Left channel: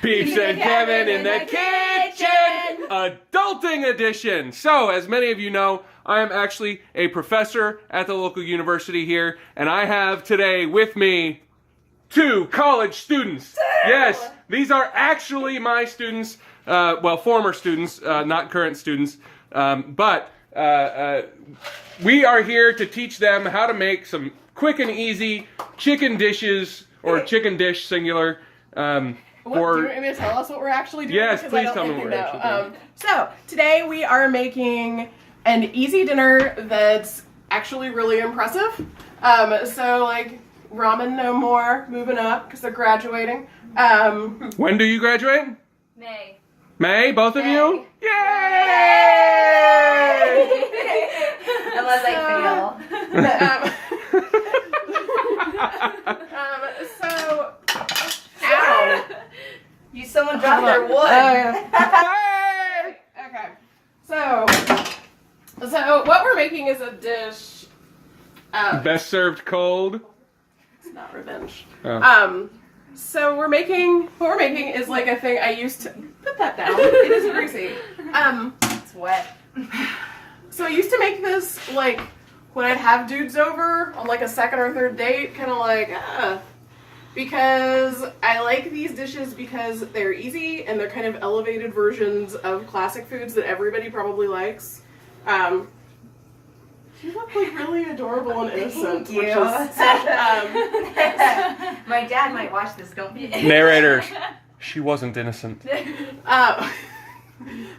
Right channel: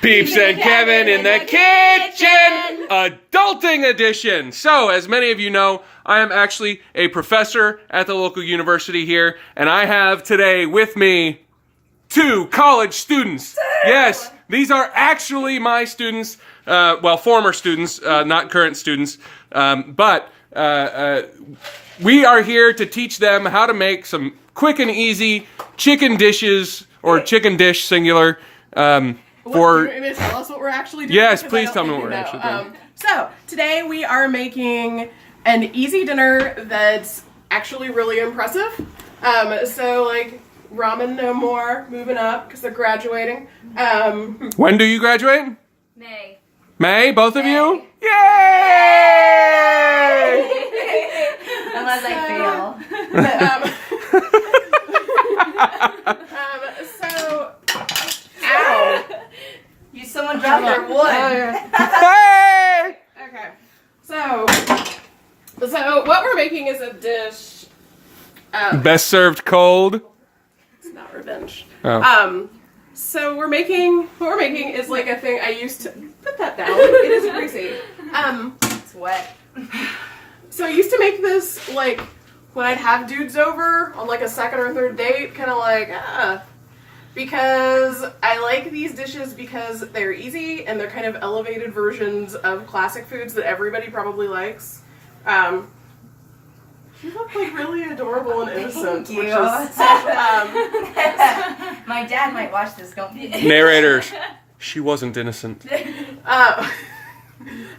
Peeps and Kevin in the kitchen, adulting edition. So, as many of you know, I am actually a professor at the local university here, and I have today with me 2 college students. Yes, these are actually my students, well, former students, not current students, but we are here to teach them how to make some quick and easy chicken dishes, or chicken dish singular. Do you want me to tell us what we're actually doing? Yes, Because please I don't tell me think what you we're know. actually doing. So, today we are making an easy dinner that's actually really impressive. So, like, ramen no more, moving up, because they're graduating. When do you graduate? May. May, both of you? Yay! Unless I fail. So, ow. Someone dropped their wood. Hey! Okay. So what we're making is a dish. Best served cold. It's not revenge. Oh. So what we're making is like a thing I used to put that down. It is greasy. It's wet. So I used to make this like when I'd have dudes over on like a second or third date, kind of like because I like these dishes because they're easy and they're kind of elevated versions of classic foods that everybody probably likes. You look like really adorable and innocent. Thank you. Which is, My dad might watch this, don't you? Narrators. She wasn't innocent.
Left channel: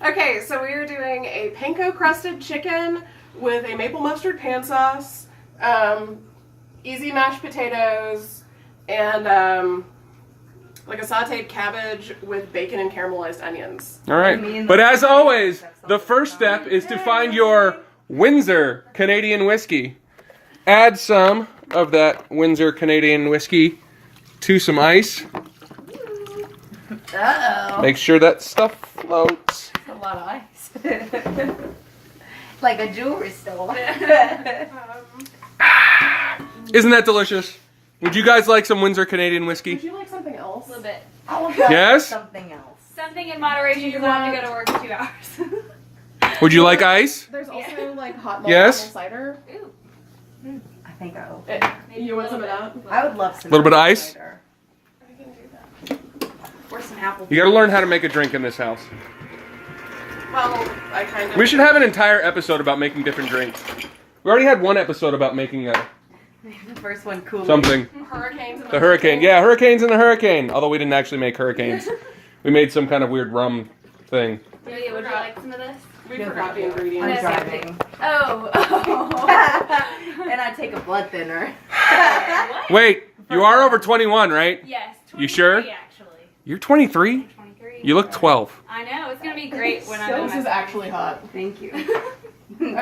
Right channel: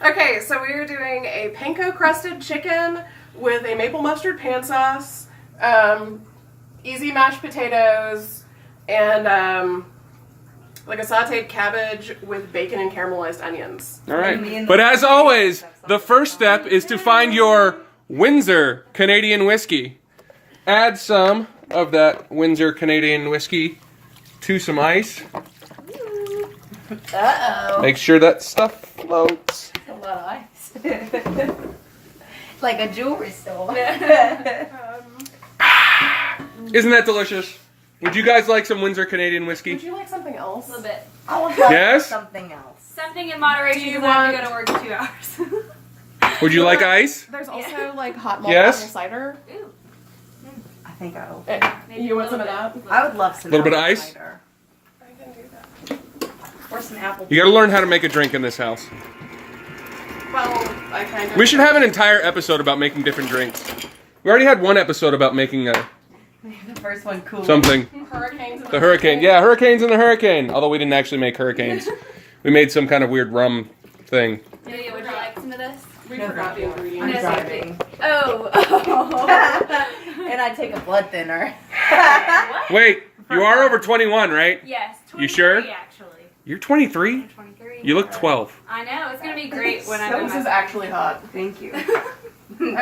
okay, so we are doing a panko crusted chicken with a maple mustard pan sauce, easy mashed potatoes, and like a sauteed cabbage with bacon and caramelized onions. All right. But as always, the first step is to find your Windsor Canadian whiskey. Add some of that Windsor Canadian whiskey to some ice. Uh-oh. Make sure that stuff floats. That's a lot of ice. Like a jewelry store. Isn't that delicious? Would you guys like some Windsor Canadian whiskey? Would you like something else? A little bit. I would like Yes? something else. Something in moderation because I have to go to work in 2 hours. Would you like ice? There's also like hot malt Yes? apple cider. Ooh. I think I will. You want some of that? I would love some. Little bit of apple ice? cider. I can do that. Or some apple. You gotta learn how to make a drink in this house. Well, I kind of. We should have an entire episode about making different drinks. We already had one episode about making The first one, cool. something. Hurricanes. The hurricane. Yeah, hurricanes in the hurricane. Although we didn't actually make hurricanes. We made some kind of weird rum thing. Julia, would you like some of this? We No, forgot thank the you. ingredients. I'm driving. Oh. And I take a blood thinner. What? Wait, you are over 21, right? Yes. 23, You sure? Actually. You're 23? 23. You look 12. I know. It's gonna be great when I'm So in this my is actually hot. Thank you.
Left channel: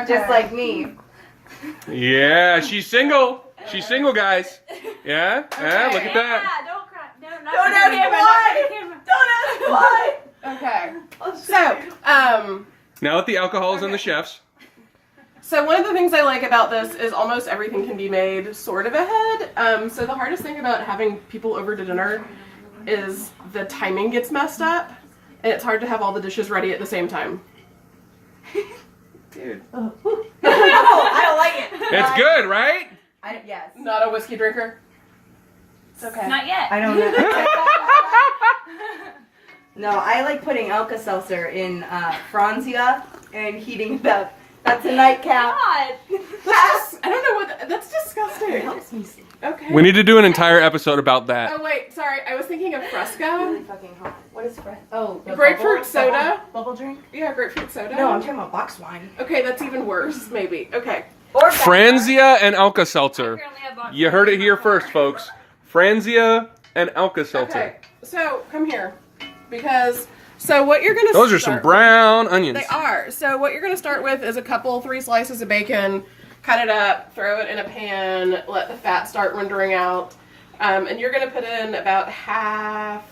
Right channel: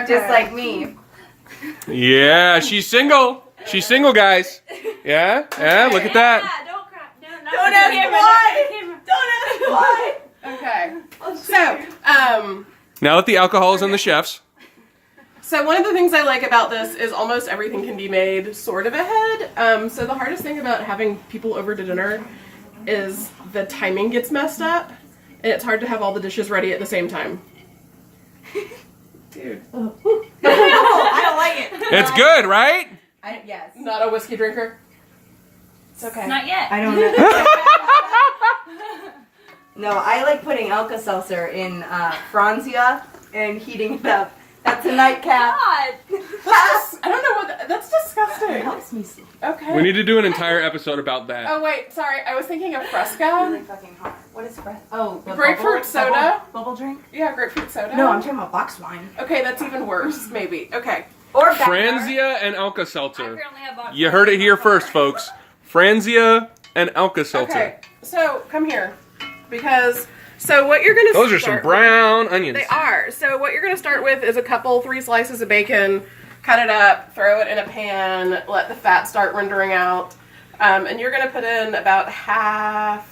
Just like me. Yeah, she's single. She's single, guys. Yeah? Yeah, look at that. Yeah, don't cry. No, not Don't the ask camera, why. not the camera. Don't ask why. Okay. So, Now that the alcohol is in the chefs. So one of the things I like about this is almost everything can be made sort of ahead. So the hardest thing about having people over to dinner is the timing gets messed up, and it's hard to have all the dishes ready at the same time. Dude. I don't like it. It's good, right? Yes. Not a whiskey drinker? It's okay. Not yet. I don't know. No, I like putting Alka-Seltzer in Franzia and heating it up. That's a nightcap. God. I don't know what that's It disgusting. helps me sleep. Okay. We need to do an entire episode about that. Oh wait, sorry. I was thinking of Really Fresca. fucking hot. What is Fresca? Oh, the Grapefruit soda. Bubble drink? Yeah, grapefruit soda. No, I'm talking about box wine. Okay, that's even worse. Maybe. Okay. Or Franzia and I Alka-Seltzer. currently have box. You heard it here first, folks. Franzia and Alka-Seltzer. Okay. So come here, because what you're gonna. Those are some brown onions. They are. So what you're gonna start with is 3 slices of bacon. Cut it up, throw it in a pan, let the fat start rendering out, and you're gonna put in about half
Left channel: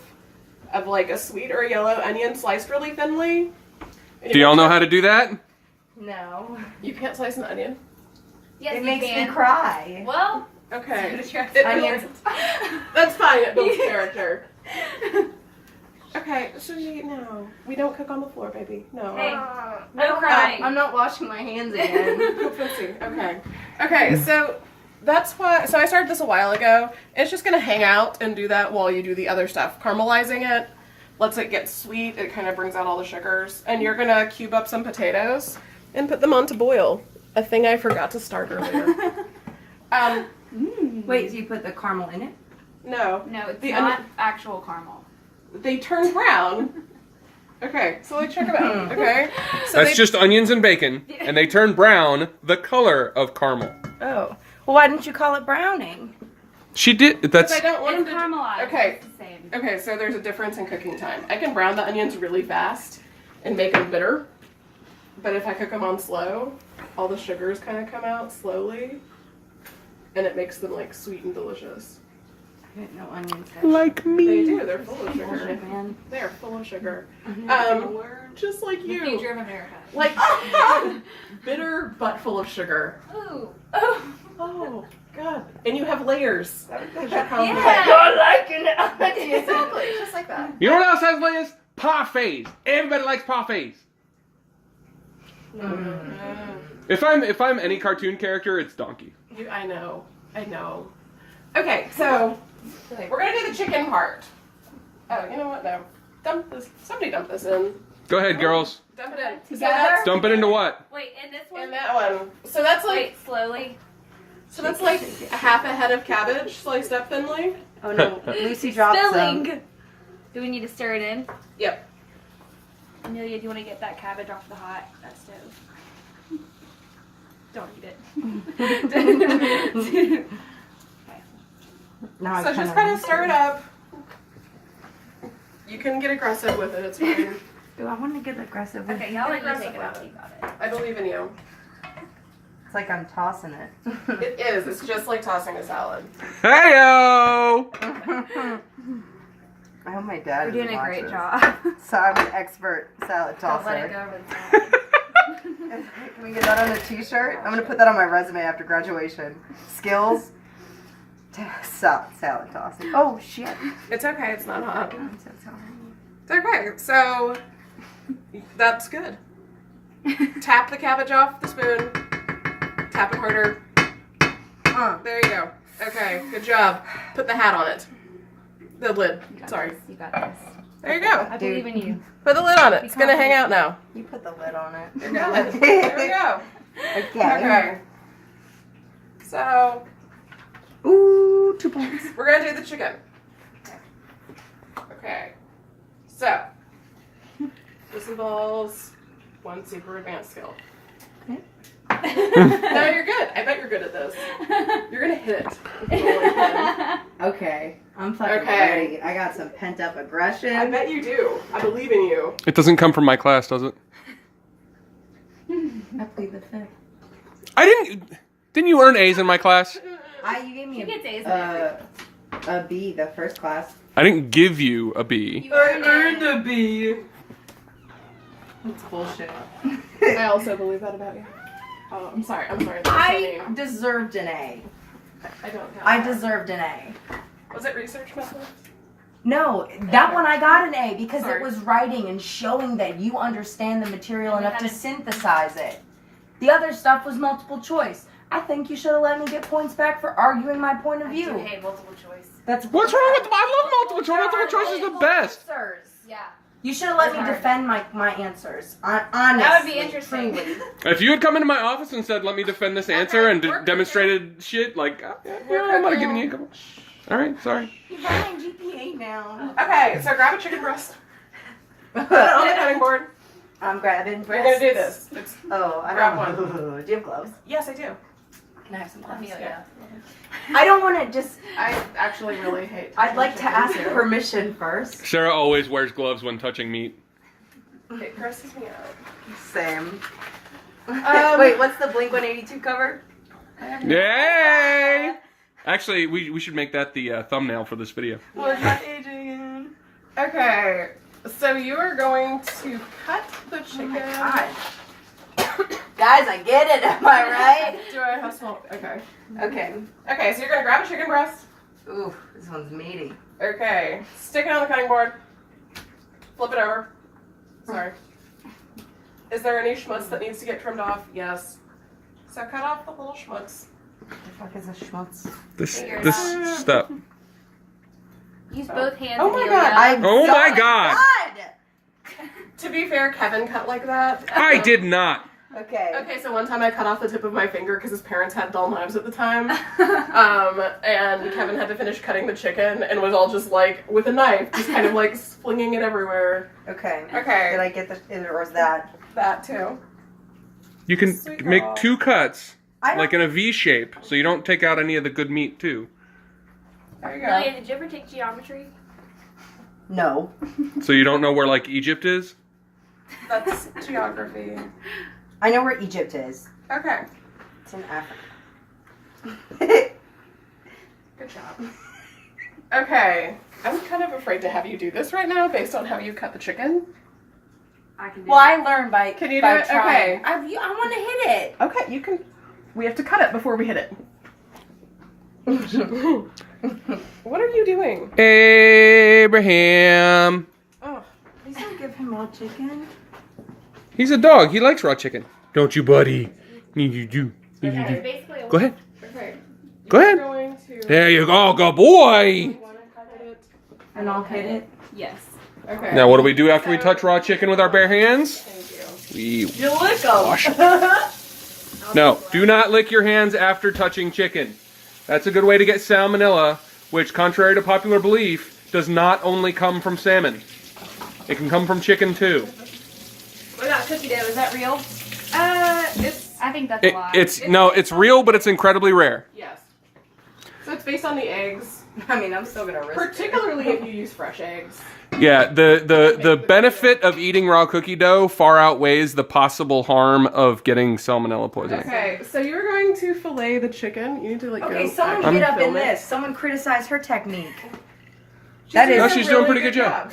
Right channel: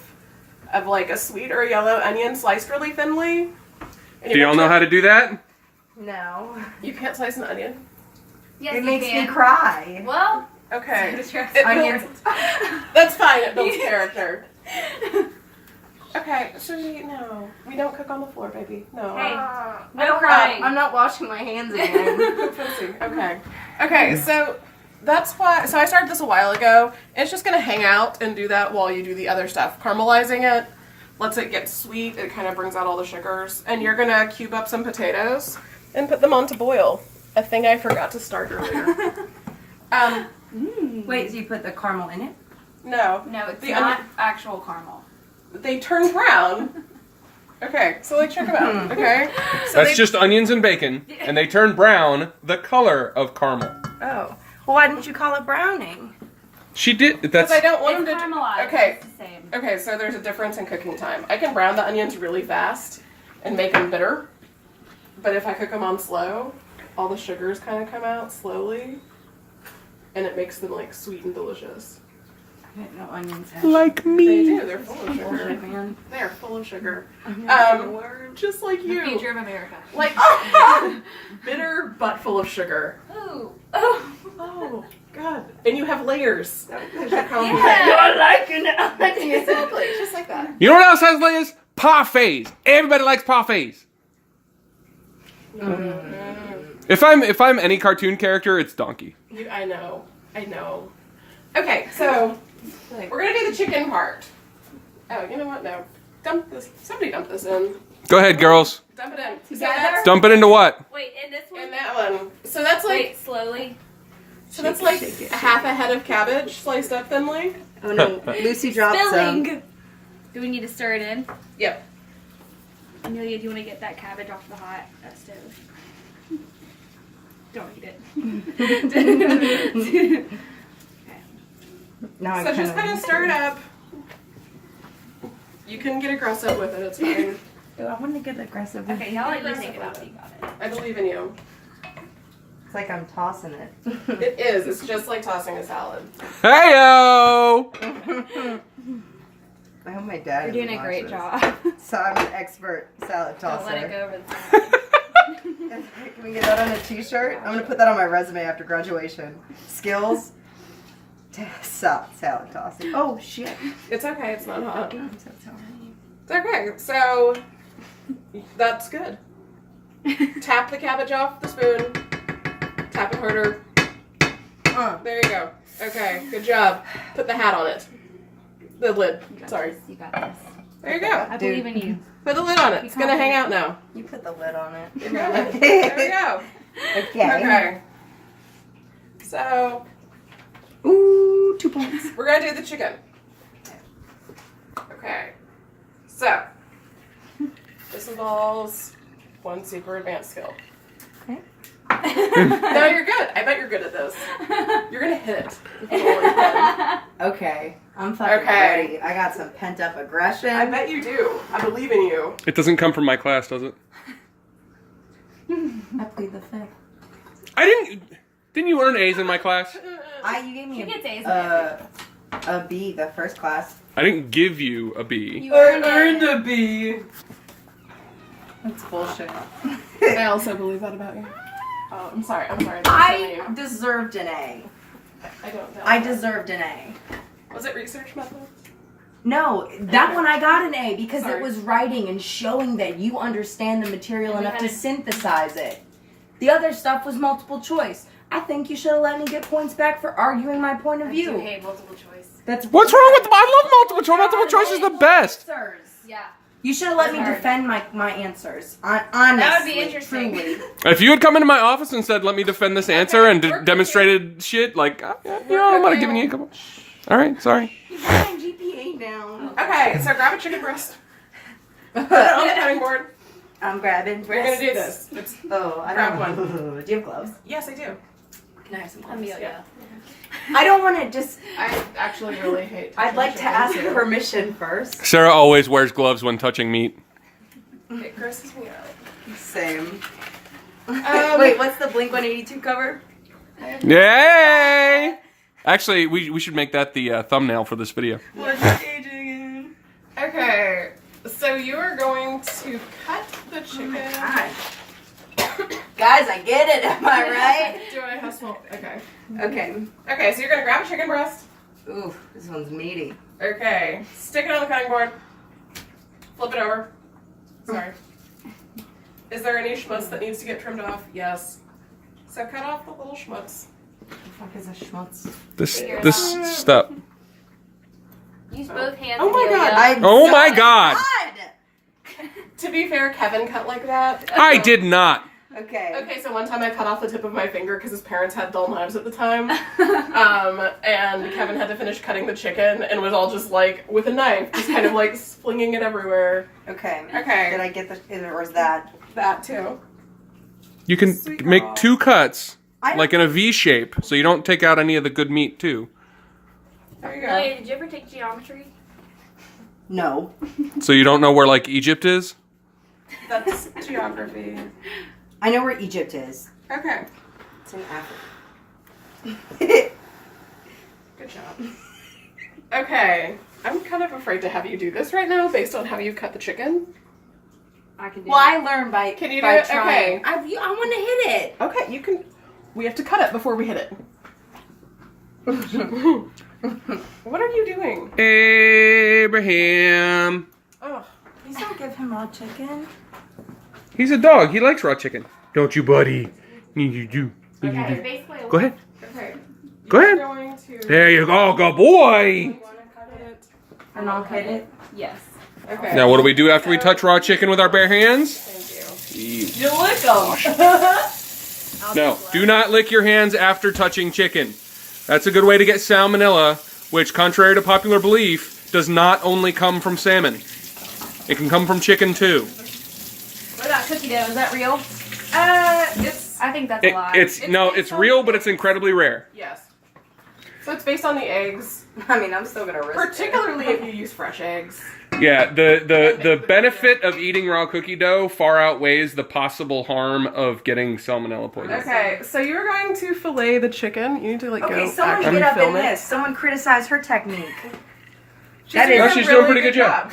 of like a sweet or a yellow onion sliced really thinly. Do y'all know how to do that? No. You can't slice an onion. Yes, It you makes can. me cry. Well. Okay. So does your It Onions. builds- that's fine. It builds character. Okay, Susie, no. We don't cook on the floor, baby. No. Hey, I no don't crying. I'm not washing my hands again. Okay. Okay, so that's why. So I started this a while ago. It's just gonna hang out and do that while you do the other stuff. Caramelizing it lets it get sweet. It kind of brings out all the sugars. And you're gonna cube up some potatoes and put them on to boil. A thing I forgot to start earlier. Wait, so you put the caramel in it? No. No, it's The not actual caramel. They turn brown. Okay, so like check them out. Okay. So That's they- just onions and bacon, and they turn brown, the color of caramel. Oh. Well, why didn't you call it browning? She did. Because That's I don't want It's them to. caramelized. Okay. It's the same. Okay, so there's a difference in cooking time. I can brown the onions really fast and make them bitter, but if I cook them on slow, all the sugars kind of come out slowly, and it makes them like sweet and delicious. I didn't know onions had like They me. do. They're full of bullshit, sugar. man. They are full of sugar. Word. Just like The you. future of America. Like bitter but full of sugar. Ooh. Oh. Oh God! And you have layers. That should Yeah. You're liking it. Exactly. Just like that. You know what else has layers? Parfaits. Everybody likes parfaits. If I'm any cartoon character, it's Donkey. I know. I know. Okay, so we're gonna do the chicken part. Oh, you know what? No. Dump this. Somebody dump this in. Go ahead, girls. Dump it in. So Together? that's Dump it into what? Wait, in this one? in that one. So that's like Wait, slowly. so that's like a half a head of cabbage sliced up thinly. Oh no, Lucy dropped Spilling. some. Do we need to stir it in? Yep. Amelia, do you want to get that cabbage off the hot stove? Don't eat it. Now So just kind of stir it up. You can get aggressive with it. It's fine. Ooh, I want to get aggressive. Okay, y'all let you Aggressive take it with out. it. You got it. I believe in you. It's like I'm tossing it. It is. It's just like tossing a salad. Heyo! I hope my dad. You're doing a great job. So I'm an expert salad Don't let it tosser. go over the top. Can we get that on a T-shirt? I'm gonna put that on my resume after graduation. Skills. Salad tossing. Oh shit. It's okay. It's not hot. I'm so sorry. It's okay. So that's good. Tap the cabbage off the spoon. Tap it harder. There you go. Okay, good job. Put the hat on it. The lid. You got Sorry. this. You got this. There you go. I believe in you. Put the lid on it. It's gonna hang out now. You put the lid on it. You're good. There we go. Okay. So Ooh, 2 points. we're gonna do the chicken. Okay. So this involves one super advanced skill. No, you're good. I bet you're good at this. You're gonna hit it. Okay, I'm fucking Okay. ready. I got some pent up aggression. I bet you do. I believe in you. It doesn't come from my class, does it? I plead the fifth. I didn't. Didn't you earn A's in my class? You gave me She gets A's in everything. a B the first class. I didn't give you a B. You earned it. a B. That's bullshit. I also believe that about you. Oh, I'm sorry. I'm sorry. That's your I name. deserved an A. I don't know. I deserved an A. Was it research methods? No, that one I got an A because Sorry. it was writing and showing that you understand the material enough to synthesize it. The other stuff was multiple choice. I think you should have let me get points back for arguing my point of I do view. hate multiple choice. That's What's wrong with? I love multiple choice. Multiple choice is the best. Answers. Yeah. You should have let me That's hard. defend my answers. Honestly, That would be interesting. Truly. If you had come into my office and said, "Let me defend this answer," and we're demonstrated shit like, you know, I might have given you a couple. All right, sorry. You got my GPA now. Okay, so grab a chicken breast. Put it on the cutting board. I'm grabbing We're breasts. gonna do this. It's Oh, I Grab don't know. Do you have gloves? yes, I do. Can I have some gloves? Amelia. I don't want to just. I actually really hate. I'd like to touching ask chicken, too. permission first. Sarah always wears gloves when touching meat. It grosses me out. Same. Um, Wait, what's the Blink 182 cover? Yay! Actually, we should make that the thumbnail for this video. What's my age again? Okay, so you are going to cut the chicken. Guys, I get it. Am I right? Do I have small? Okay. Okay. Okay, so you're gonna grab a chicken breast. Ooh, this one's meaty. Okay, stick it on the cutting board. Flip it over. Sorry. Is there any schmutz that needs to get trimmed off? Yes. So cut off the little schmutz. The fuck is a schmutz? This stuff. Use both hands. Oh my Amelia. God. Oh my God. To be fair, Kevin cut like that. I did not. Okay. Okay, so one time I cut off the tip of my finger because his parents had dull knives at the time. And Kevin had to finish cutting the chicken and was all just like, with a knife, just kind of like flinging it everywhere. Okay. Okay. Did I get the, or is that? That too. You can Sweet make girl. 2 cuts, I like in a V shape, so you don't take out any of the good meat too. There you go. Amelia, did you ever take geometry? No. So you don't know where like Egypt is? That's geography. I know where Egypt is. Okay. It's in Africa. Good job. Okay. I'm kind of afraid to have you do this right now based on how you cut the chicken. I can do Well, it. I learned by Can you by do it? trying. Okay. I want to hit it. Okay, you can. We have to cut it before we hit it. What are you doing? Abraham. Oh. Please don't give him raw chicken. He's a dog. He likes raw chicken. Don't you, buddy? You do. Yeah, it's basically a Go ahead. Okay. Go ahead. You're going to. There you go. Good boy. You want to cut it? And I'll hit it. Yes. Okay. Now, what do we do after we touch raw chicken with our bare hands? Thank We you. You lick them. No, do not lick your hands after touching chicken. That's a good way to get salmonella, which, contrary to popular belief, does not only come from salmon. It can come from chicken too. What about cookie dough? Is that real? It's I think that's a lie. It's real, but it's incredibly rare. yes. So it's based on the eggs, I mean, I'm still gonna risk particularly if you use fresh eggs. Yeah, the benefit of eating raw cookie dough far outweighs the possible harm of getting salmonella poisoning. Okay, so you're going to fillet the chicken. You need to like Okay, go. someone actually get up in film it. this. Someone criticize her technique. She's No, she's doing a pretty good job.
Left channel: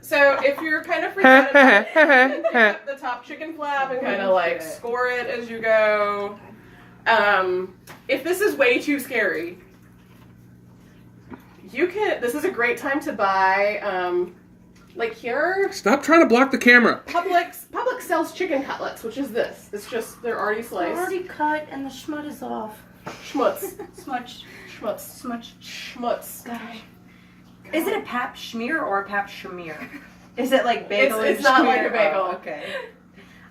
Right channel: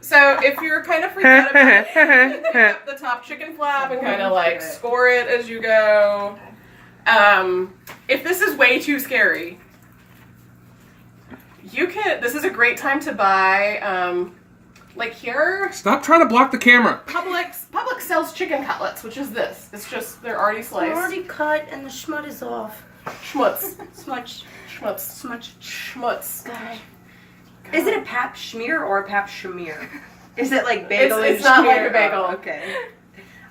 So if you're kind of freaked out about it, you can pick up the top chicken flap and kind of like score it as you go. If this is way too scary, you can. This is a great time to buy. Like here, Stop trying to block the camera. Publix sells chicken cutlets, which is this. It's just they're already sliced. They're already cut and the schmut is off. Schmutz. Smudge. Schmutz. Smudge. Schmutz. Is it a pap schmear or a pap schmear? Is it like bagel? It's and not like schmear? a bagel. Oh, okay.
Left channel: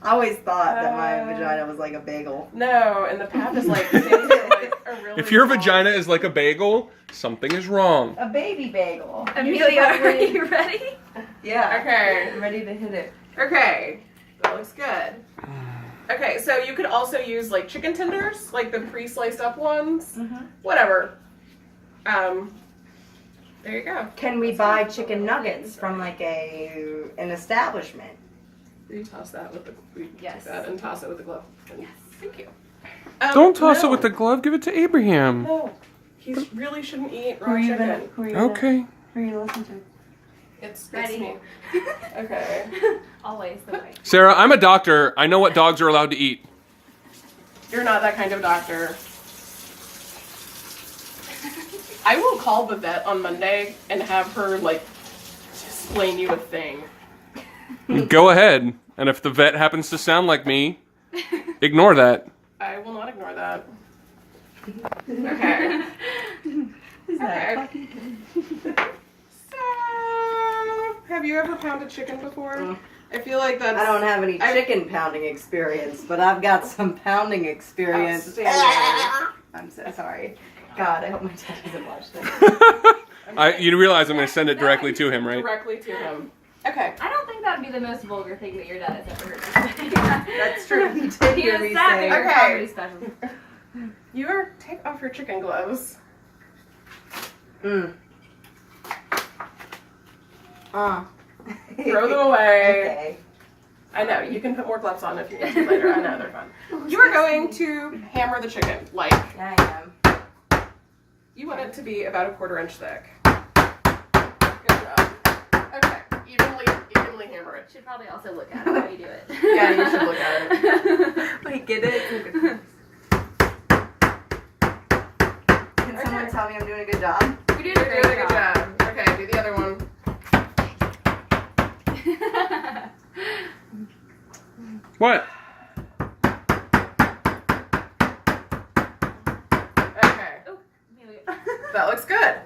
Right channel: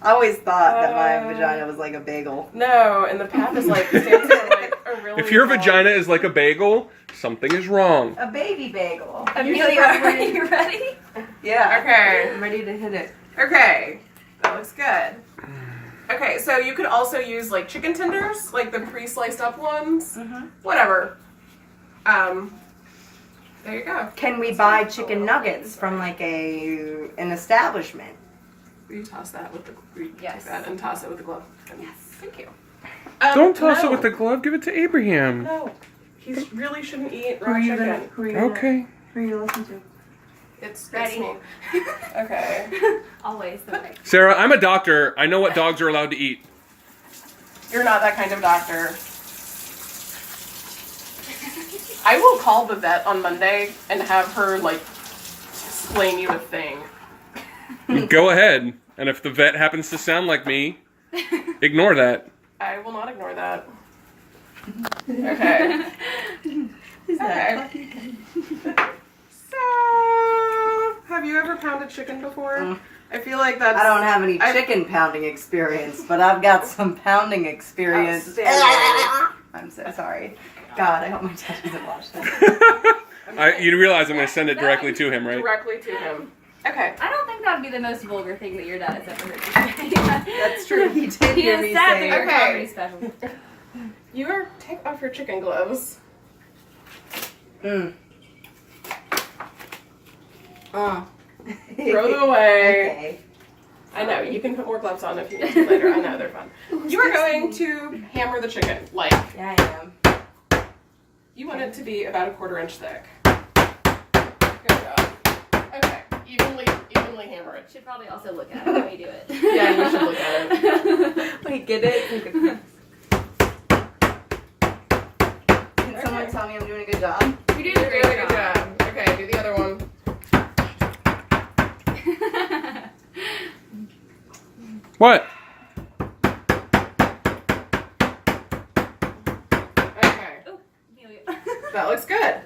I always thought that my vagina was like a bagel. No, and the pap is like stands for like a really If your long- vagina is like a bagel, something is wrong. A baby bagel. Amelia, are you ready? Yeah. Okay. I'm ready to hit it. Okay, that looks good. Okay, so you could also use like chicken tenders, like the pre-sliced up ones. Mm-hmm. Whatever. There you go. Can we buy chicken nuggets from like an establishment? Will you toss that with the Yes. take that and toss it with the glove? Yes. Thank you. Don't toss no. it with the glove. Give it to Abraham. No. He really shouldn't eat Who raw are you chicken. gonna? Who are you Okay. Who are you listening to? It's Ready? me. Okay. Always the way. Sarah, I'm a doctor. I know what dogs are allowed to eat. You're not that kind of doctor. I will call the vet on Monday and have her like explain you a thing. Go ahead. And if the vet happens to sound like me, ignore that. I will not ignore that. Okay. Okay. So, have you ever pounded chicken before? I feel like that's. I don't have any chicken pounding experience, but I've got some pounding experience. Outstanding. I'm so sorry. God, I hope my dad doesn't watch this. You realize I'm going to send it directly to him, right? Directly to him. Okay. I don't think that would be the most vulgar thing that your dad has ever heard. That's true. He did He hear is me sad say. that your Okay. comedy special. You are take off your chicken gloves. Mm. Throw them away. Okay. I know, you can put more gloves on if you need to later. I know, they're fun. You are going to hammer the chicken. Like, Yeah, I am. you want it to be about a 1/4 inch thick. Good job. Okay, evenly hammer it. Should probably also look at it while you do it. Yeah, you should look at it. Wait, get it? Can someone tell me I'm doing a good job? You did a really good job. Okay, do the other one. What? Okay, Oh, Amelia. that looks good.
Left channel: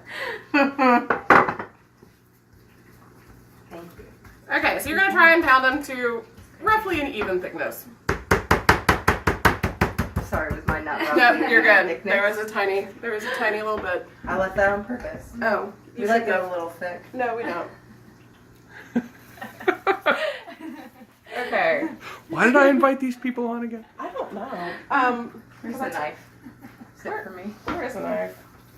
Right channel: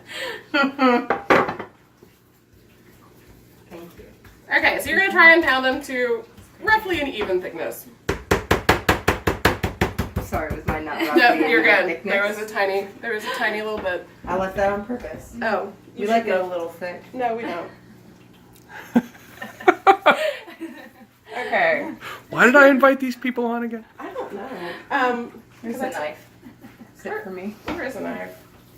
Thank you. Okay, so you're gonna try and pound them to roughly an even thickness. Sorry, was mine not No, roughly you're even good. thickness? There was a tiny little bit. I left that on purpose. Oh, We you like should it a know. little thick. No, we don't. Okay. Why did I invite these people on again? I don't know. Here's a Cause I- knife. Sit for me. Where is a knife?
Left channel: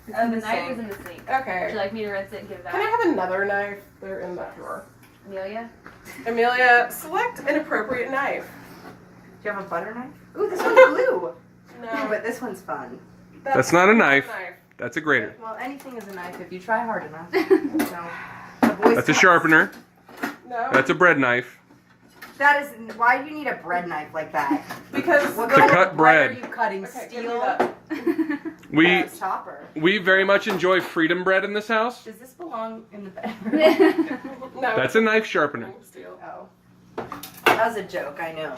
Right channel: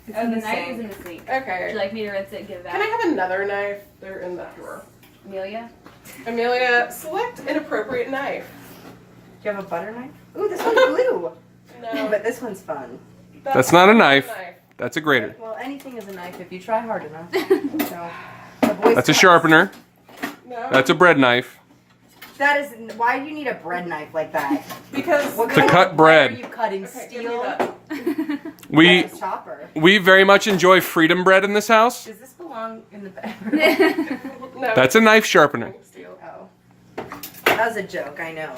It's Oh, in the the knife sink. is in the sink. Would you Okay. like me to rinse it and give that? Can I have another knife? They're in that drawer. Amelia? Amelia, select an appropriate knife. Do you have a butter knife? Ooh, this one's glue. No, But this one's fun. That's not a knife. That's a grater. Well, anything is a knife if you try hard enough. No. The Boy That's a Scouts. sharpener. No. That's a bread knife. That is. Why do you need a bread knife like that? Because What To kind cut of bread. Are you cutting Okay, give me steel? that. We Chopper. we very much enjoy freedom bread in this house. Does this belong in the bedroom? No. That's a knife sharpener. Steel. Oh. That was a joke, I know.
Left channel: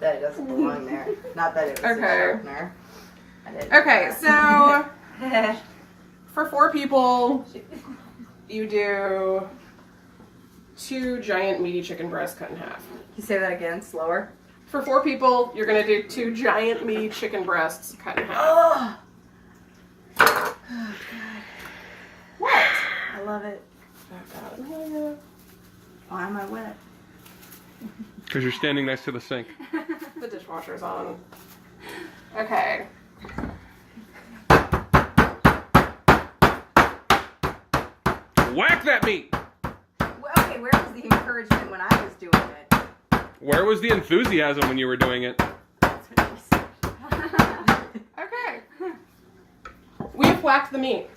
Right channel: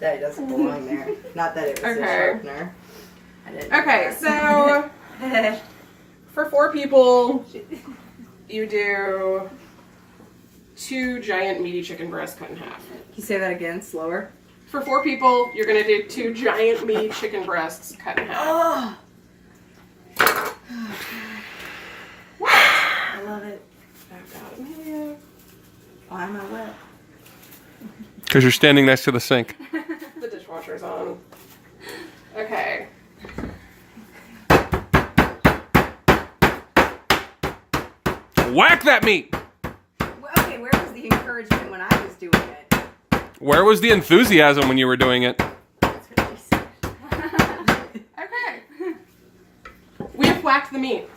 That it doesn't belong there. Not that it was a Okay. sharpener. I didn't know Okay, that. so for 4 people, you do 2 giant meaty chicken breasts cut in half. Can you say that again, slower? For 4 people, you're gonna do 2 giant meaty chicken breasts cut in half. Oh! What? I love it. Oh God, Amelia. Why am I wet? Because you're standing next to the sink. The dishwasher's on. Okay. Whack that meat! Well, okay, where was the encouragement when I was doing it? Where was the enthusiasm when you were doing it? That's what she said. Okay. We have whacked the meat.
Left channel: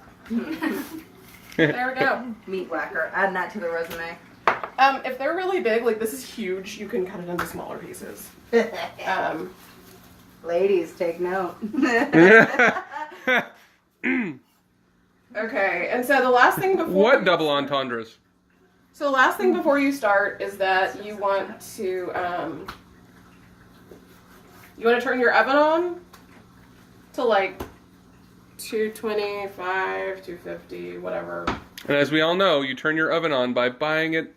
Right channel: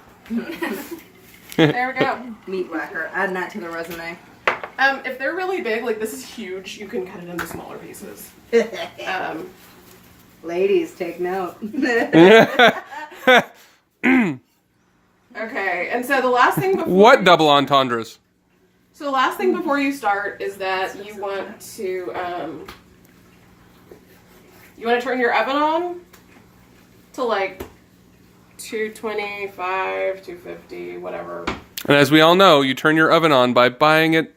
There we go. Meat whacker. Add that to the resume. If they're really big, like this is huge, you can cut it into smaller pieces. Ladies, take note. Okay, and so the last thing before What double entendres? So the last thing before you start is that you want to turn your oven on to like 225, 250, whatever. And as we all know, you turn your oven on by buying it,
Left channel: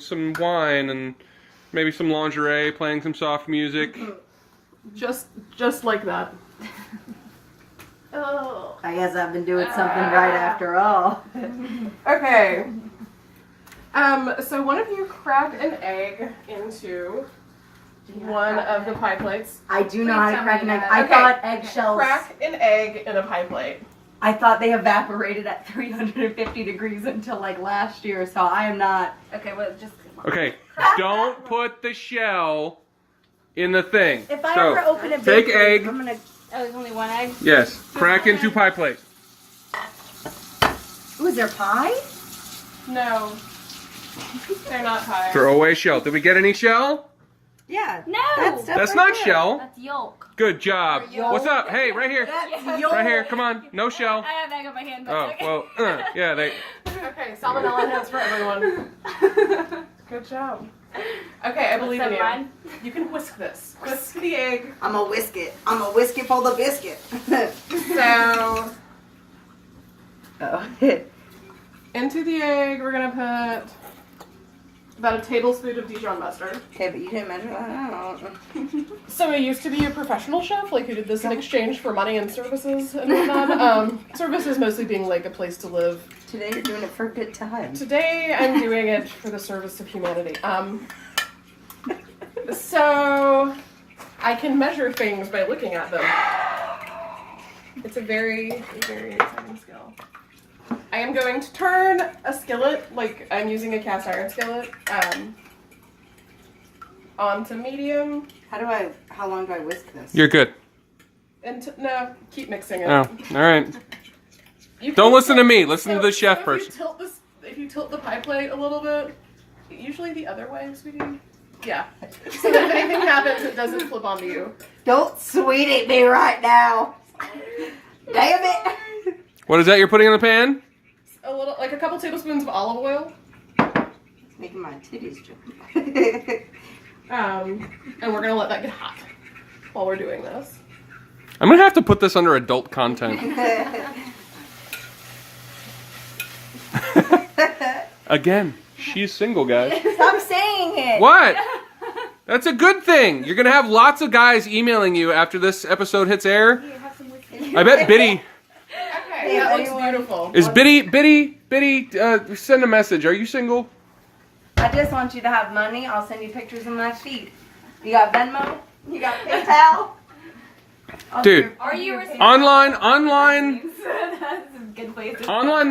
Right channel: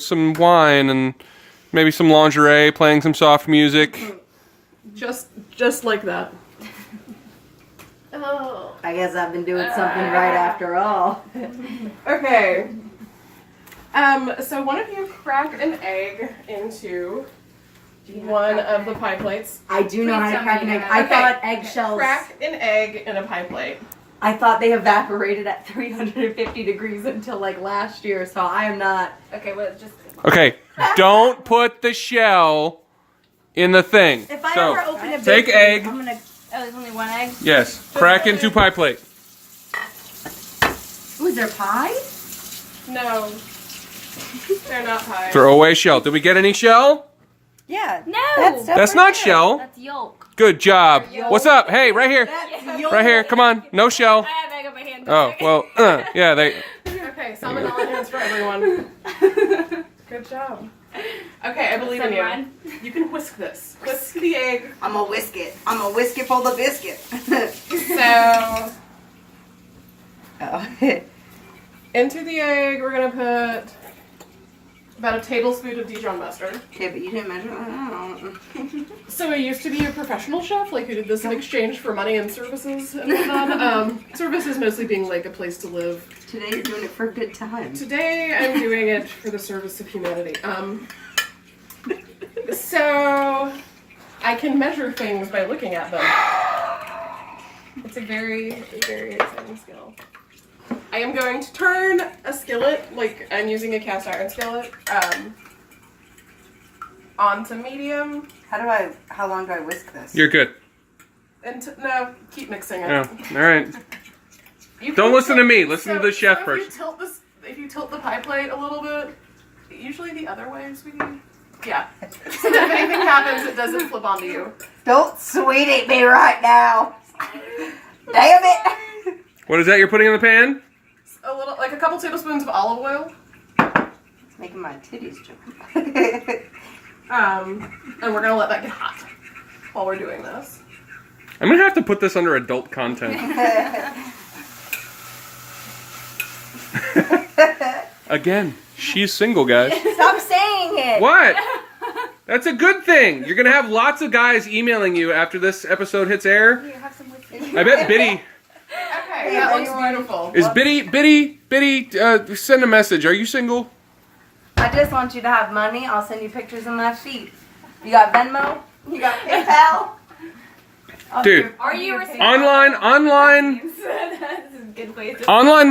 some wine and maybe some lingerie, playing some soft music. Just like that. Oh. I guess I've been doing something right after all. Okay. So one of you crack an egg into one of the pie plates. I do know how to crack an egg. I Okay. thought eggshells. Crack an egg in a pie plate. I thought they evaporated at 350 degrees until like last year, so I am not. Okay, well, just. Okay, don't put the shell in the thing. If I So, ever open a take bakery, egg. I'm gonna. Oh, there's only one egg? Yes, crack into pie plate. Ooh, is there pie? No. They're not pie. Throw away shell. Did we get any shell? Yeah. No! That's not shell. That's yolk. Good job. Yolk. What's up? Hey, right here. That's yolk. Right here. Come on. No shell. I have egg on my hand. Oh, well, yeah, they. Okay, salmonella hands for everyone. Good job. Okay, I believe in you. One. You can whisk this. Whisk the egg. I'm gonna whisk it. I'm gonna whisk it for the biscuit. So, Oh. into the egg, we're gonna put about a tablespoon of Dijon mustard. Okay, but you didn't measure that out. So I used to be a professional chef, like who did this in exchange for money and services and whatnot. Services mostly being like a place to live. Today you're doing it for a good time. Today I'm doing it for the service of humanity. So I can measure things by looking at them. It's a very, very exciting skill. I am going to turn a skillet, like I'm using a cast iron skillet, onto medium. How long do I whisk this? You're good. And no, keep mixing it. Oh, all right. You Don't can listen to tilt- me. Listen to the chef if first. if you tilt the pie plate a little bit, usually the other way, sweetie. Yeah. So that if anything happens, it doesn't flip onto you. Don't sweetie me right now. Damn it. What is that you're putting in the pan? A little, like a couple tablespoons of olive oil. It's making my titties jump. And we're gonna let that get hot while we're doing this. I'm gonna have to put this under adult content. Again, she's single, guys. Stop saying it. What? That's a good thing. You're gonna have lots of guys emailing you after this episode hits air. You have some whiskey. I bet Biddy Okay, that looks beautiful. is Biddy. Send a message. Are you single? I just want you to have money. I'll send you pictures of my feet. You got Venmo? You got PayPal? Dude, Are you receiving online That's a good place to online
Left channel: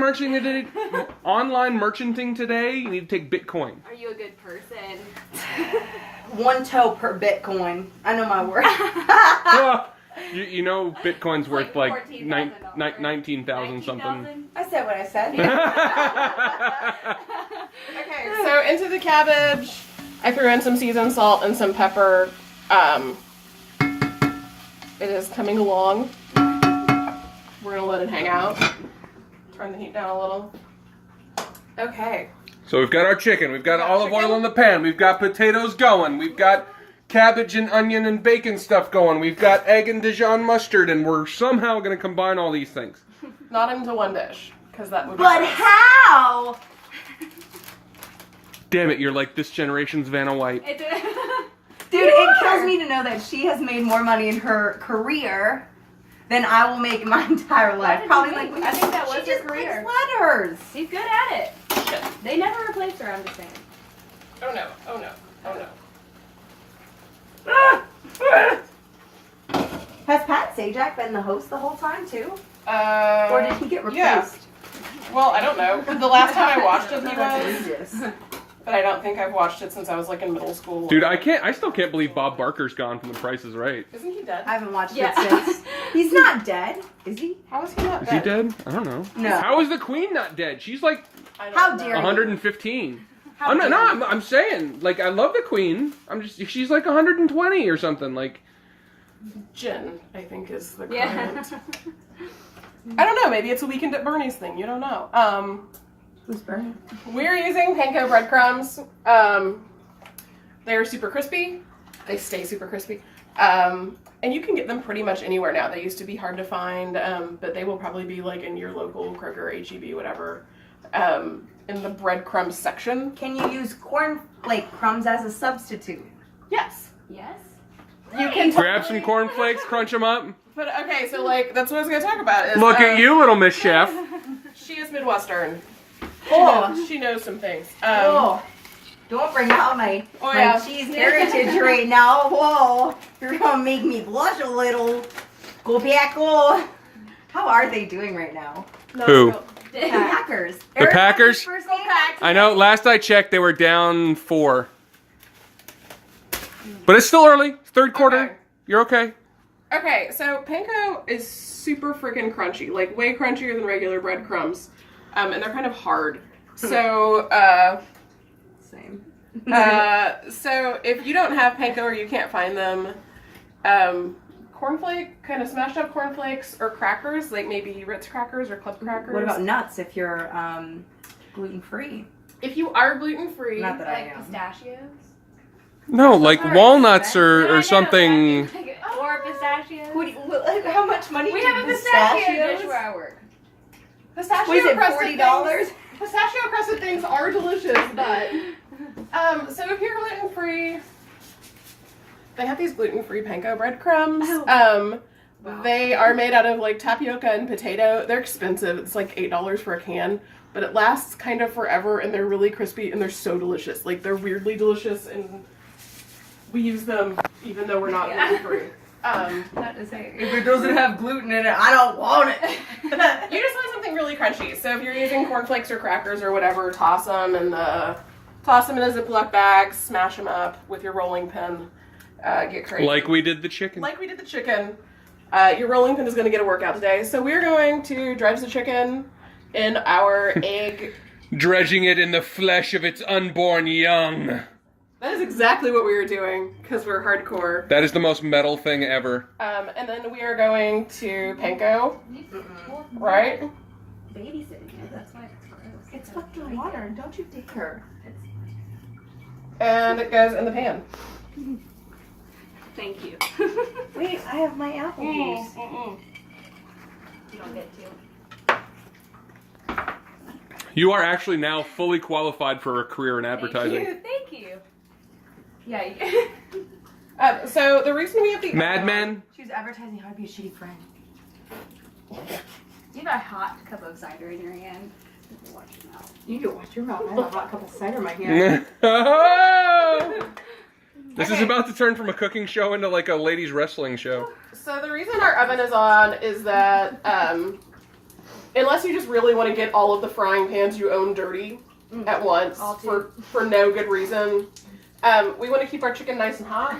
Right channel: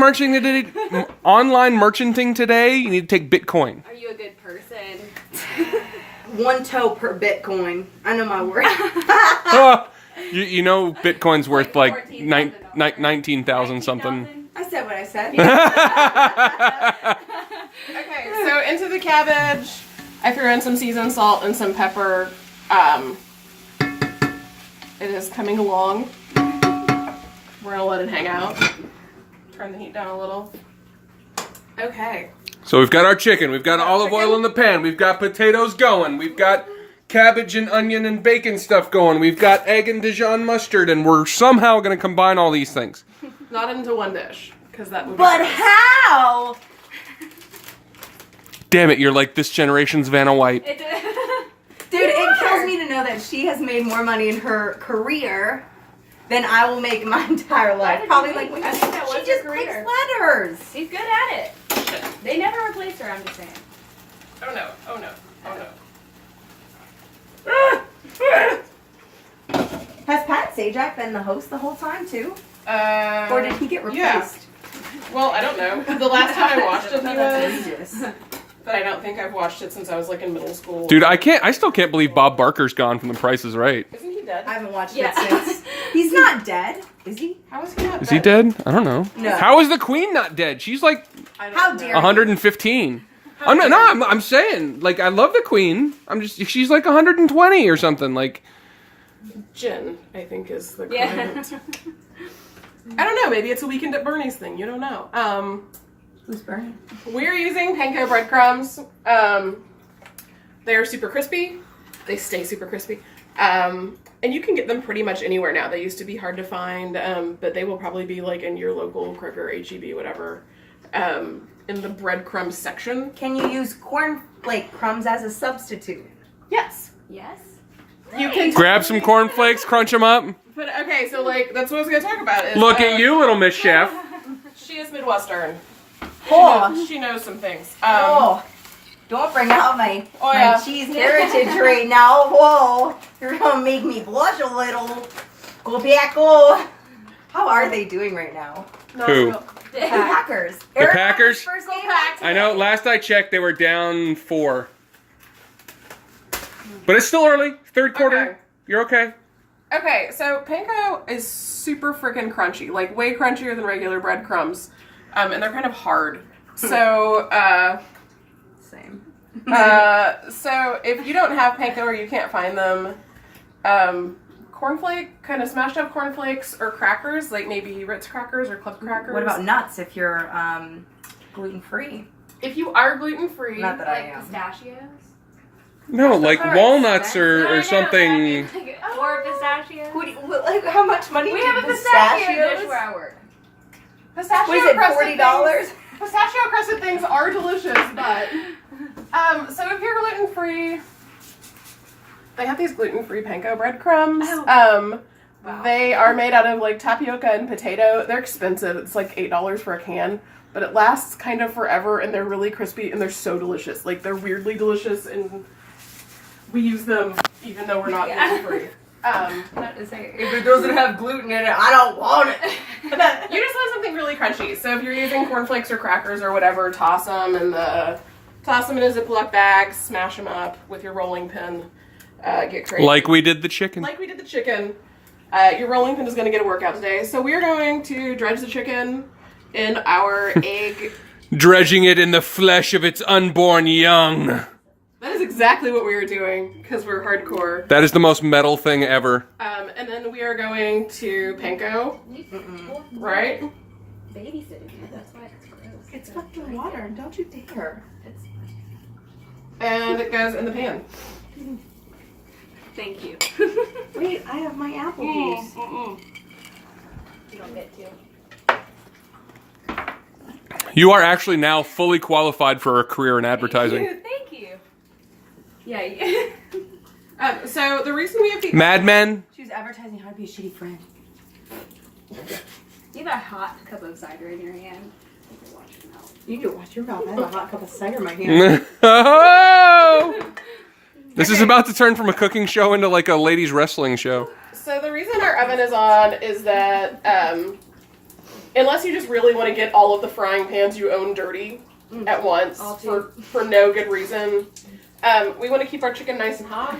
merchanting today. You need to take Bitcoin. Are you a good person? 1 toe per Bitcoin. I know my word. You know Bitcoin's worth like $14,000. 19,000 something. I said what I said. Okay, so into the cabbage, I threw in some seasoned salt and some pepper. It is coming along. We're gonna let it hang out. Turn the heat down a little. Okay. So we've got our chicken. We've got olive oil in the pan. We've got potatoes going. We've got cabbage and onion and bacon stuff going. We've got egg and Dijon mustard, and we're somehow going to combine all these things. Not into one dish, because that would be But gross. how? Damn it, you're like this generation's Vanna White. Dude, it kills me to know that she has made more money in her career than I will make in my entire life. did Probably you like think? I think that was she her just career. picks letters. She's good at it. They never replaced her, I'm just saying. Oh no, oh no, oh no. Has Pat Sajak been the host the whole time too? Or Or did he get replaced? Yeah. Well, I don't know. The last time I watched it, he That's was. ages. But I don't think I've watched it since I was like in middle school. Dude, I still can't believe Bob Barker's gone from The Price is Right. Isn't he dead? I haven't watched Yeah. it since. He's not dead, is he? How is he not Is he dead? I don't know. No. How is the Queen not dead? She's like I don't How know. dare you. 115. How I'm not, dare no, you. I'm saying, like, I love the Queen. She's like 120 or something. Like, Jen, I think, is the Yeah. current. I don't know. Maybe it's a Weekend at Bernie's thing. You don't know. Who's burning? We're using panko breadcrumbs. They are super crispy. They stay super crispy. And you can get them pretty much anywhere now. They used to be hard to find, but they will probably be like in your local Kroger, HEB, whatever, in the breadcrumb section. Can you use cornflake crumbs as a substitute? Yes. Yes. You can grab some cornflakes, crunch them up. But okay, so like that's what I was gonna talk about. Is, Look at you, little Miss Chef. She is Midwestern. Oh, She knows some things. oh. Don't bring out my yeah. cheese heritage right now. Whoa. You're gonna make me blush a little. Go back, go. How are they doing right now? Who? The Packers. The Aaron Packers? Rodgers' first game I know, last I checked, they were down 4. But it's still early. Third quarter. Okay. You're okay. Okay, so panko is super freaking crunchy, like way crunchier than regular breadcrumbs, and they're kind of hard. So, Same. so if you don't have panko or you can't find them, cornflake, kind of smashed up cornflakes or crackers, like maybe Ritz crackers or club crackers. What about nuts if you're gluten free? if you are gluten free? Not that I Like am. pistachios? No, like Alright, walnuts Yeah, I or know, something. but I mean, or pistachios. Like, how much money We do have a pistachio pistachios? dish where I work. Pistachio What is it, crusted $40? things- Pistachio crusted things are delicious, but so if you're gluten free, they have these gluten free panko breadcrumbs. Wow. They are made out of like tapioca and potato. They're expensive. It's like $8 for a can, but it lasts kind of forever, and they're really crispy and they're so delicious. Like they're weirdly delicious, and we use them even though we're not gluten free. Not to say. If it doesn't have gluten in it, I don't want it. You just want something really crunchy. So if you're using cornflakes or crackers or whatever, toss them in a Ziploc bag, smash them up with your rolling pin. Get crazy. Like we did the chicken. Like we did the chicken. Your rolling pin is going to get a workout today. So we're going to dredge the chicken in our egg. Dredging it in the flesh of its unborn young. That is exactly what we are doing because we're hardcore. That is the most metal thing ever. And then we are going to panko, right? Babysitting it, that's why it's gross. It's fucking water, don't you dare. And it goes in the pan. Thank you. Wait, I have my apple juice. You don't get to. You are actually now fully qualified for a career in advertising. Thank you. Yeah. So the reason we have the Mad Men. She was advertising how to be a shitty friend. You got a hot cup of cider in your hand. You can watch your mouth. You can watch your mouth. I have a hot cup of cider in my hand. Oh! This is Okay. about to turn from a cooking show into like a ladies wrestling show. So the reason our oven is on is that unless you just really want to get all of the frying pans you own dirty at once All two. for no good reason, we want to keep our chicken nice and hot.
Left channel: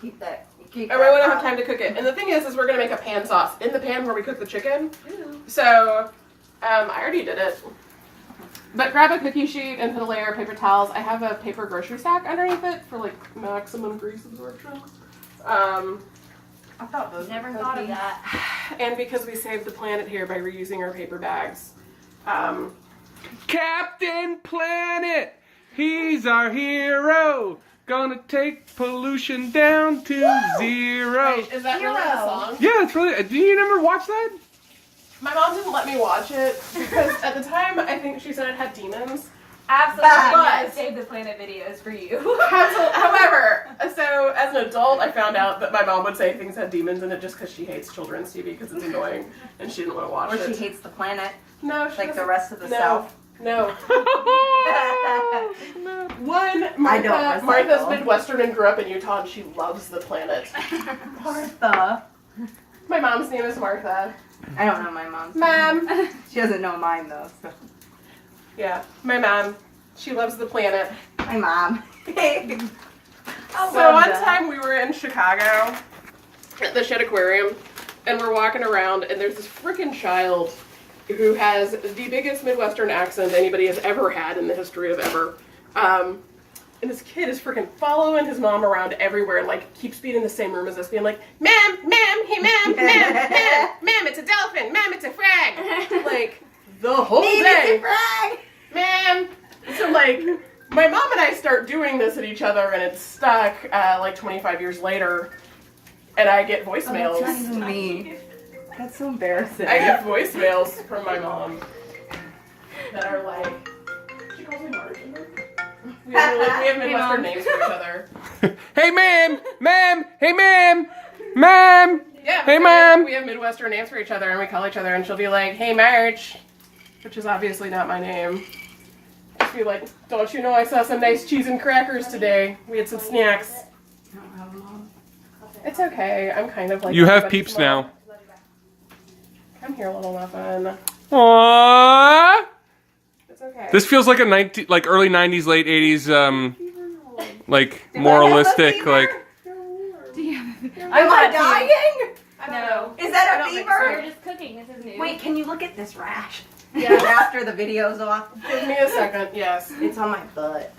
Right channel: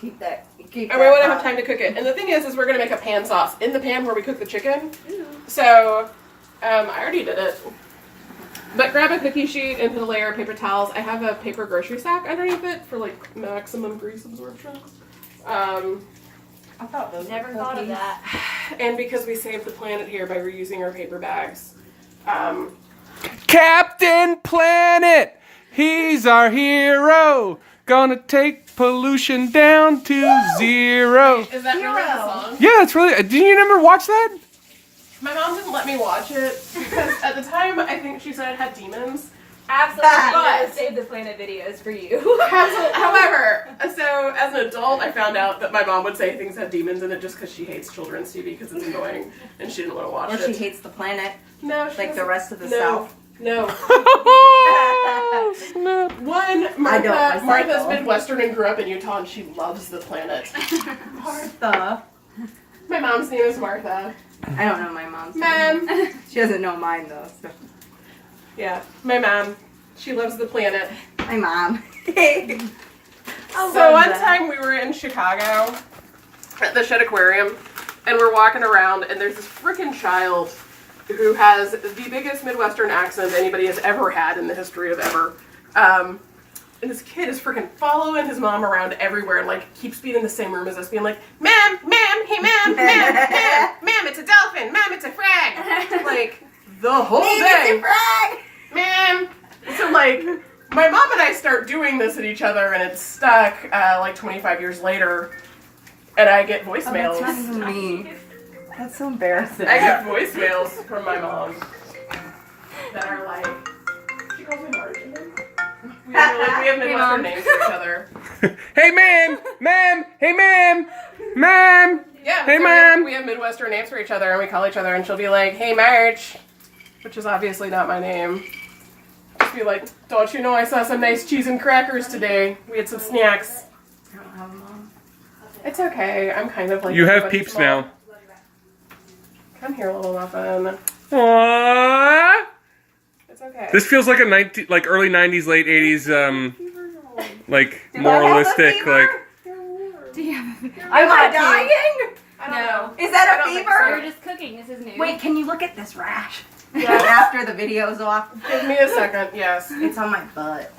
Keep that. And we want to have time to cook it. And the thing is we're going to make a pan sauce in the pan where we cook the chicken. So I already did it. But grab a cookie sheet and put a layer of paper towels. I have a paper grocery sack underneath it for like maximum grease absorption. I thought those Never were thought of cookies. that. And because we saved the planet here by reusing our paper bags. Captain Planet, he's our hero. Gonna take pollution down to zero. Is that really the Hero. song? Yeah, it's really. Did you never watch that? My mom didn't let me watch it because at the time I think she said it had demons. Absolutely. But- Save the Planet videos for you. However, so as an adult, I found out that my mom would say things had demons in it just because she hates children's TV because it's annoying and she didn't want to watch Or it. she hates the planet, No, she like the doesn't. rest of the No. South. No. Snap. One, I don't Martha's recycle. Midwestern and grew up in Utah and she loves the planet. Martha. My mom's name is Martha. I don't know my mom's name. Ma'am. She doesn't know mine though. So. Yeah, my mom. She loves the planet. My mom. So one time we were in Chicago at the Shed Aquarium and we're walking around and there's this freaking child who has the biggest Midwestern accent anybody has ever had in the history of ever. And this kid is freaking following his mom around everywhere and like keeps being in the same room as us being like, ma'am, hey ma'am, ma'am, it's a dolphin, ma'am, it's a frag. Like the whole day. Man, so like, my mom and I start doing this at each other, and it's stuck. Like 25 years later, and I get voicemails. That's not even me. That's so embarrassing. I get voicemails from my mom that are like, she calls me Marge. We have Midwestern names for each other. Hey, ma'am, hey, ma'am. Yeah, Hey, so ma'am. We have Midwestern names for each other, and we call each other, and she'll be like, "Hey, Marge," which is obviously not my name. Just be like, "Don't you know I saw some nice cheese and crackers today? We had some snacks." I don't have a mom. It's okay. I'm kind of like You have everybody's peeps mom. now. Come here, little muffin. Aww. It's okay. This feels like a early '90s, late '80s, like moralistic, like. Do you have a Am I dying? I don't know. Is that I a don't think fever? We're just cooking. This is new. Wait, can you look at this rash? Yeah. After the video's off. Give me a second. Yes. It's on my butt.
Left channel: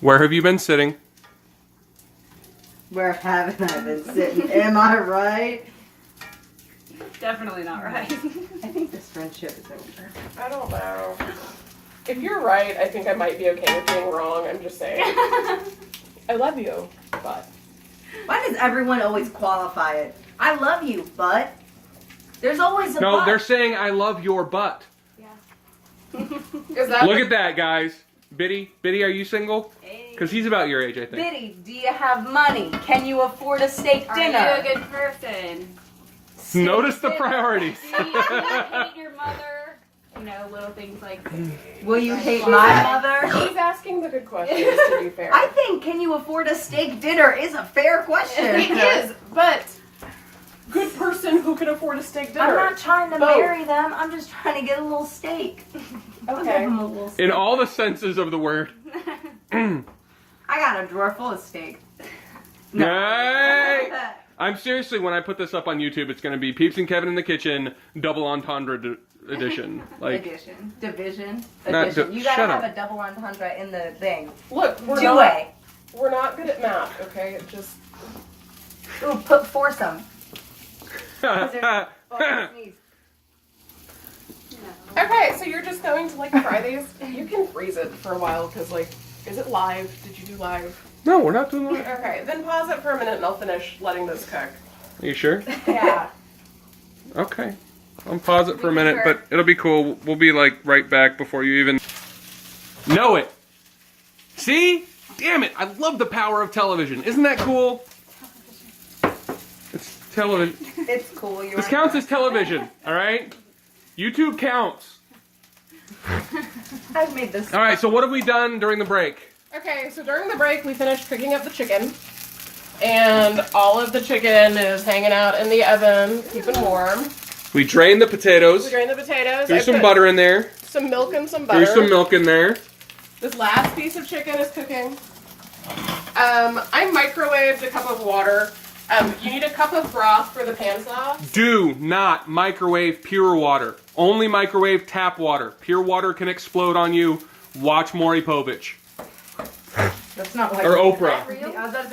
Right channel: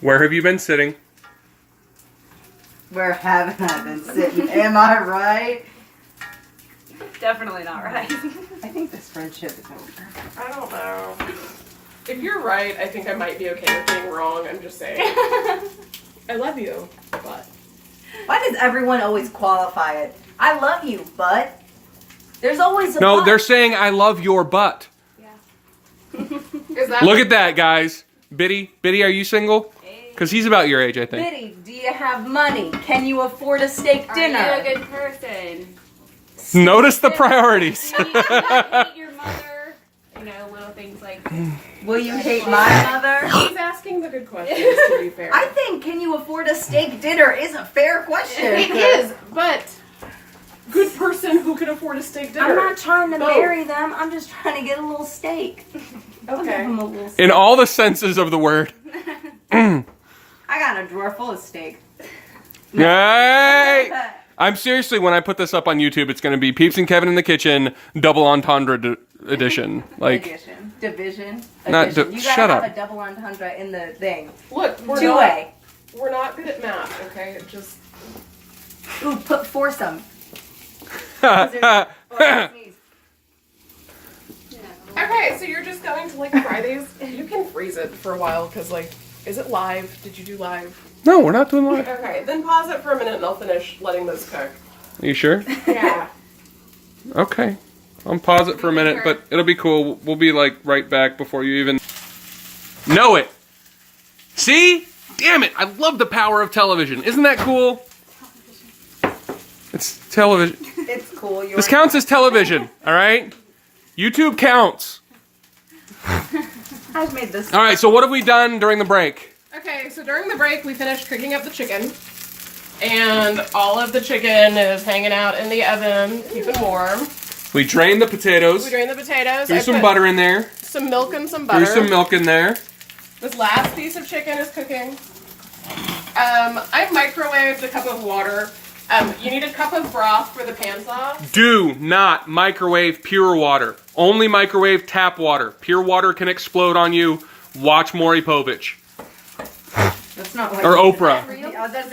Where have you been sitting? Where haven't I been sitting? Am I right? Definitely not right. I think this friendship is over. I don't know. If you're right, I think I might be okay with being wrong. I'm just saying. I love you, but Why does everyone always qualify it? I love you, but there's always a No, but. they're saying I love your butt. is that Look at that, guys. Biddy, are you single? Because he's about your age, I think. Biddy, do you have money? Can you afford a steak Are dinner? you a good person? Notice the priorities. Do you hate your mother? You know, little things like Will you hate my mother? He's asking the good questions, to be fair. I think can you afford a steak dinner is a fair question. It is, but good person who can afford a steak dinner. I'm not trying to Both. marry them. I'm just trying to get a little steak. I'll give Okay. them a little steak. In all the senses of the word. I got a drawer full of steak. Yay! I'm seriously, when I put this up on YouTube, it's going to be Peeps and Kevin in the Kitchen, double entendre edition. Like, Edition. Division. Not Edition. di- You gotta shut have up. a double entendre in the thing. Look, we're not, Two-way. we're not good at math, okay? It just Ooh, put foursome. Oh, I sneezed. okay. So you're just going to like fry these. You can freeze it for a while because like Is it live? Did you do live? No, we're not doing live. Okay, then pause it for a minute and I'll finish letting those cook. Are you sure? Yeah. Okay. I'll pause it for a minute, but it'll be cool. We'll be like right back before you even know it. See? Damn it. I love the power of television. Isn't that cool? It's television. It's cool. This counts as television, all right? YouTube counts. I've made this. All right, so what have we done during the break? Okay, so during the break we finished cooking up the chicken. And all of the chicken is hanging out in the oven, keeping warm. We drained the potatoes. We drained the potatoes. Threw I some put butter in there. Some milk and some butter. Threw some milk in there. This last piece of chicken is cooking. I microwaved a cup of water. You need a cup of broth for the pan sauce. Do not microwave pure water. Only microwave tap water. Pure water can explode on you. Watch Maury Povich. That's not like Or Oprah.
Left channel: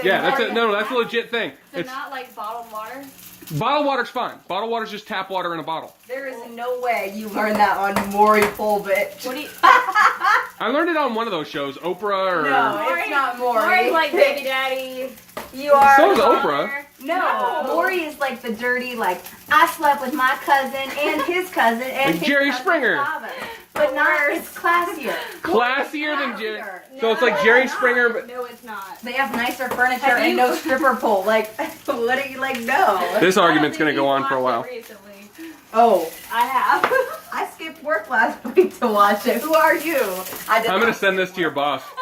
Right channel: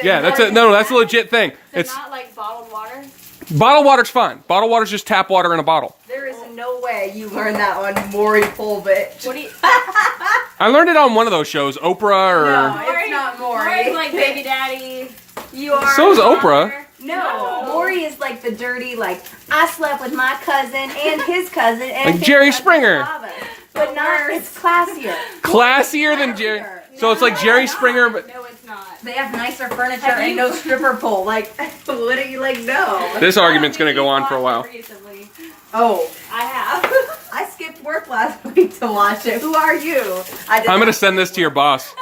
Yeah, That's a legit thing. So It's not like bottled water? bottled water's fine. Bottled water's just tap water in a bottle. There is no way you learned that on Maury Povich. What do you... I learned it on one of those shows, Oprah or No, it's not Maury. Maury's like baby daddy. You are... So is Oprah. No, Maury is like the dirty, like, I slept with my cousin and his cousin and Like his Jerry cousin's Springer. father. But not, it's classier. Classier than Jerry. So it's like Jerry Springer, but No, it's not. They have nicer furniture Have and you- no stripper pole. Like, what do you like? No. this argument's gonna go on for a while. Recently. Oh, I have. I skipped work last week to watch it. Who are you? I did I'm gonna not send this to your boss.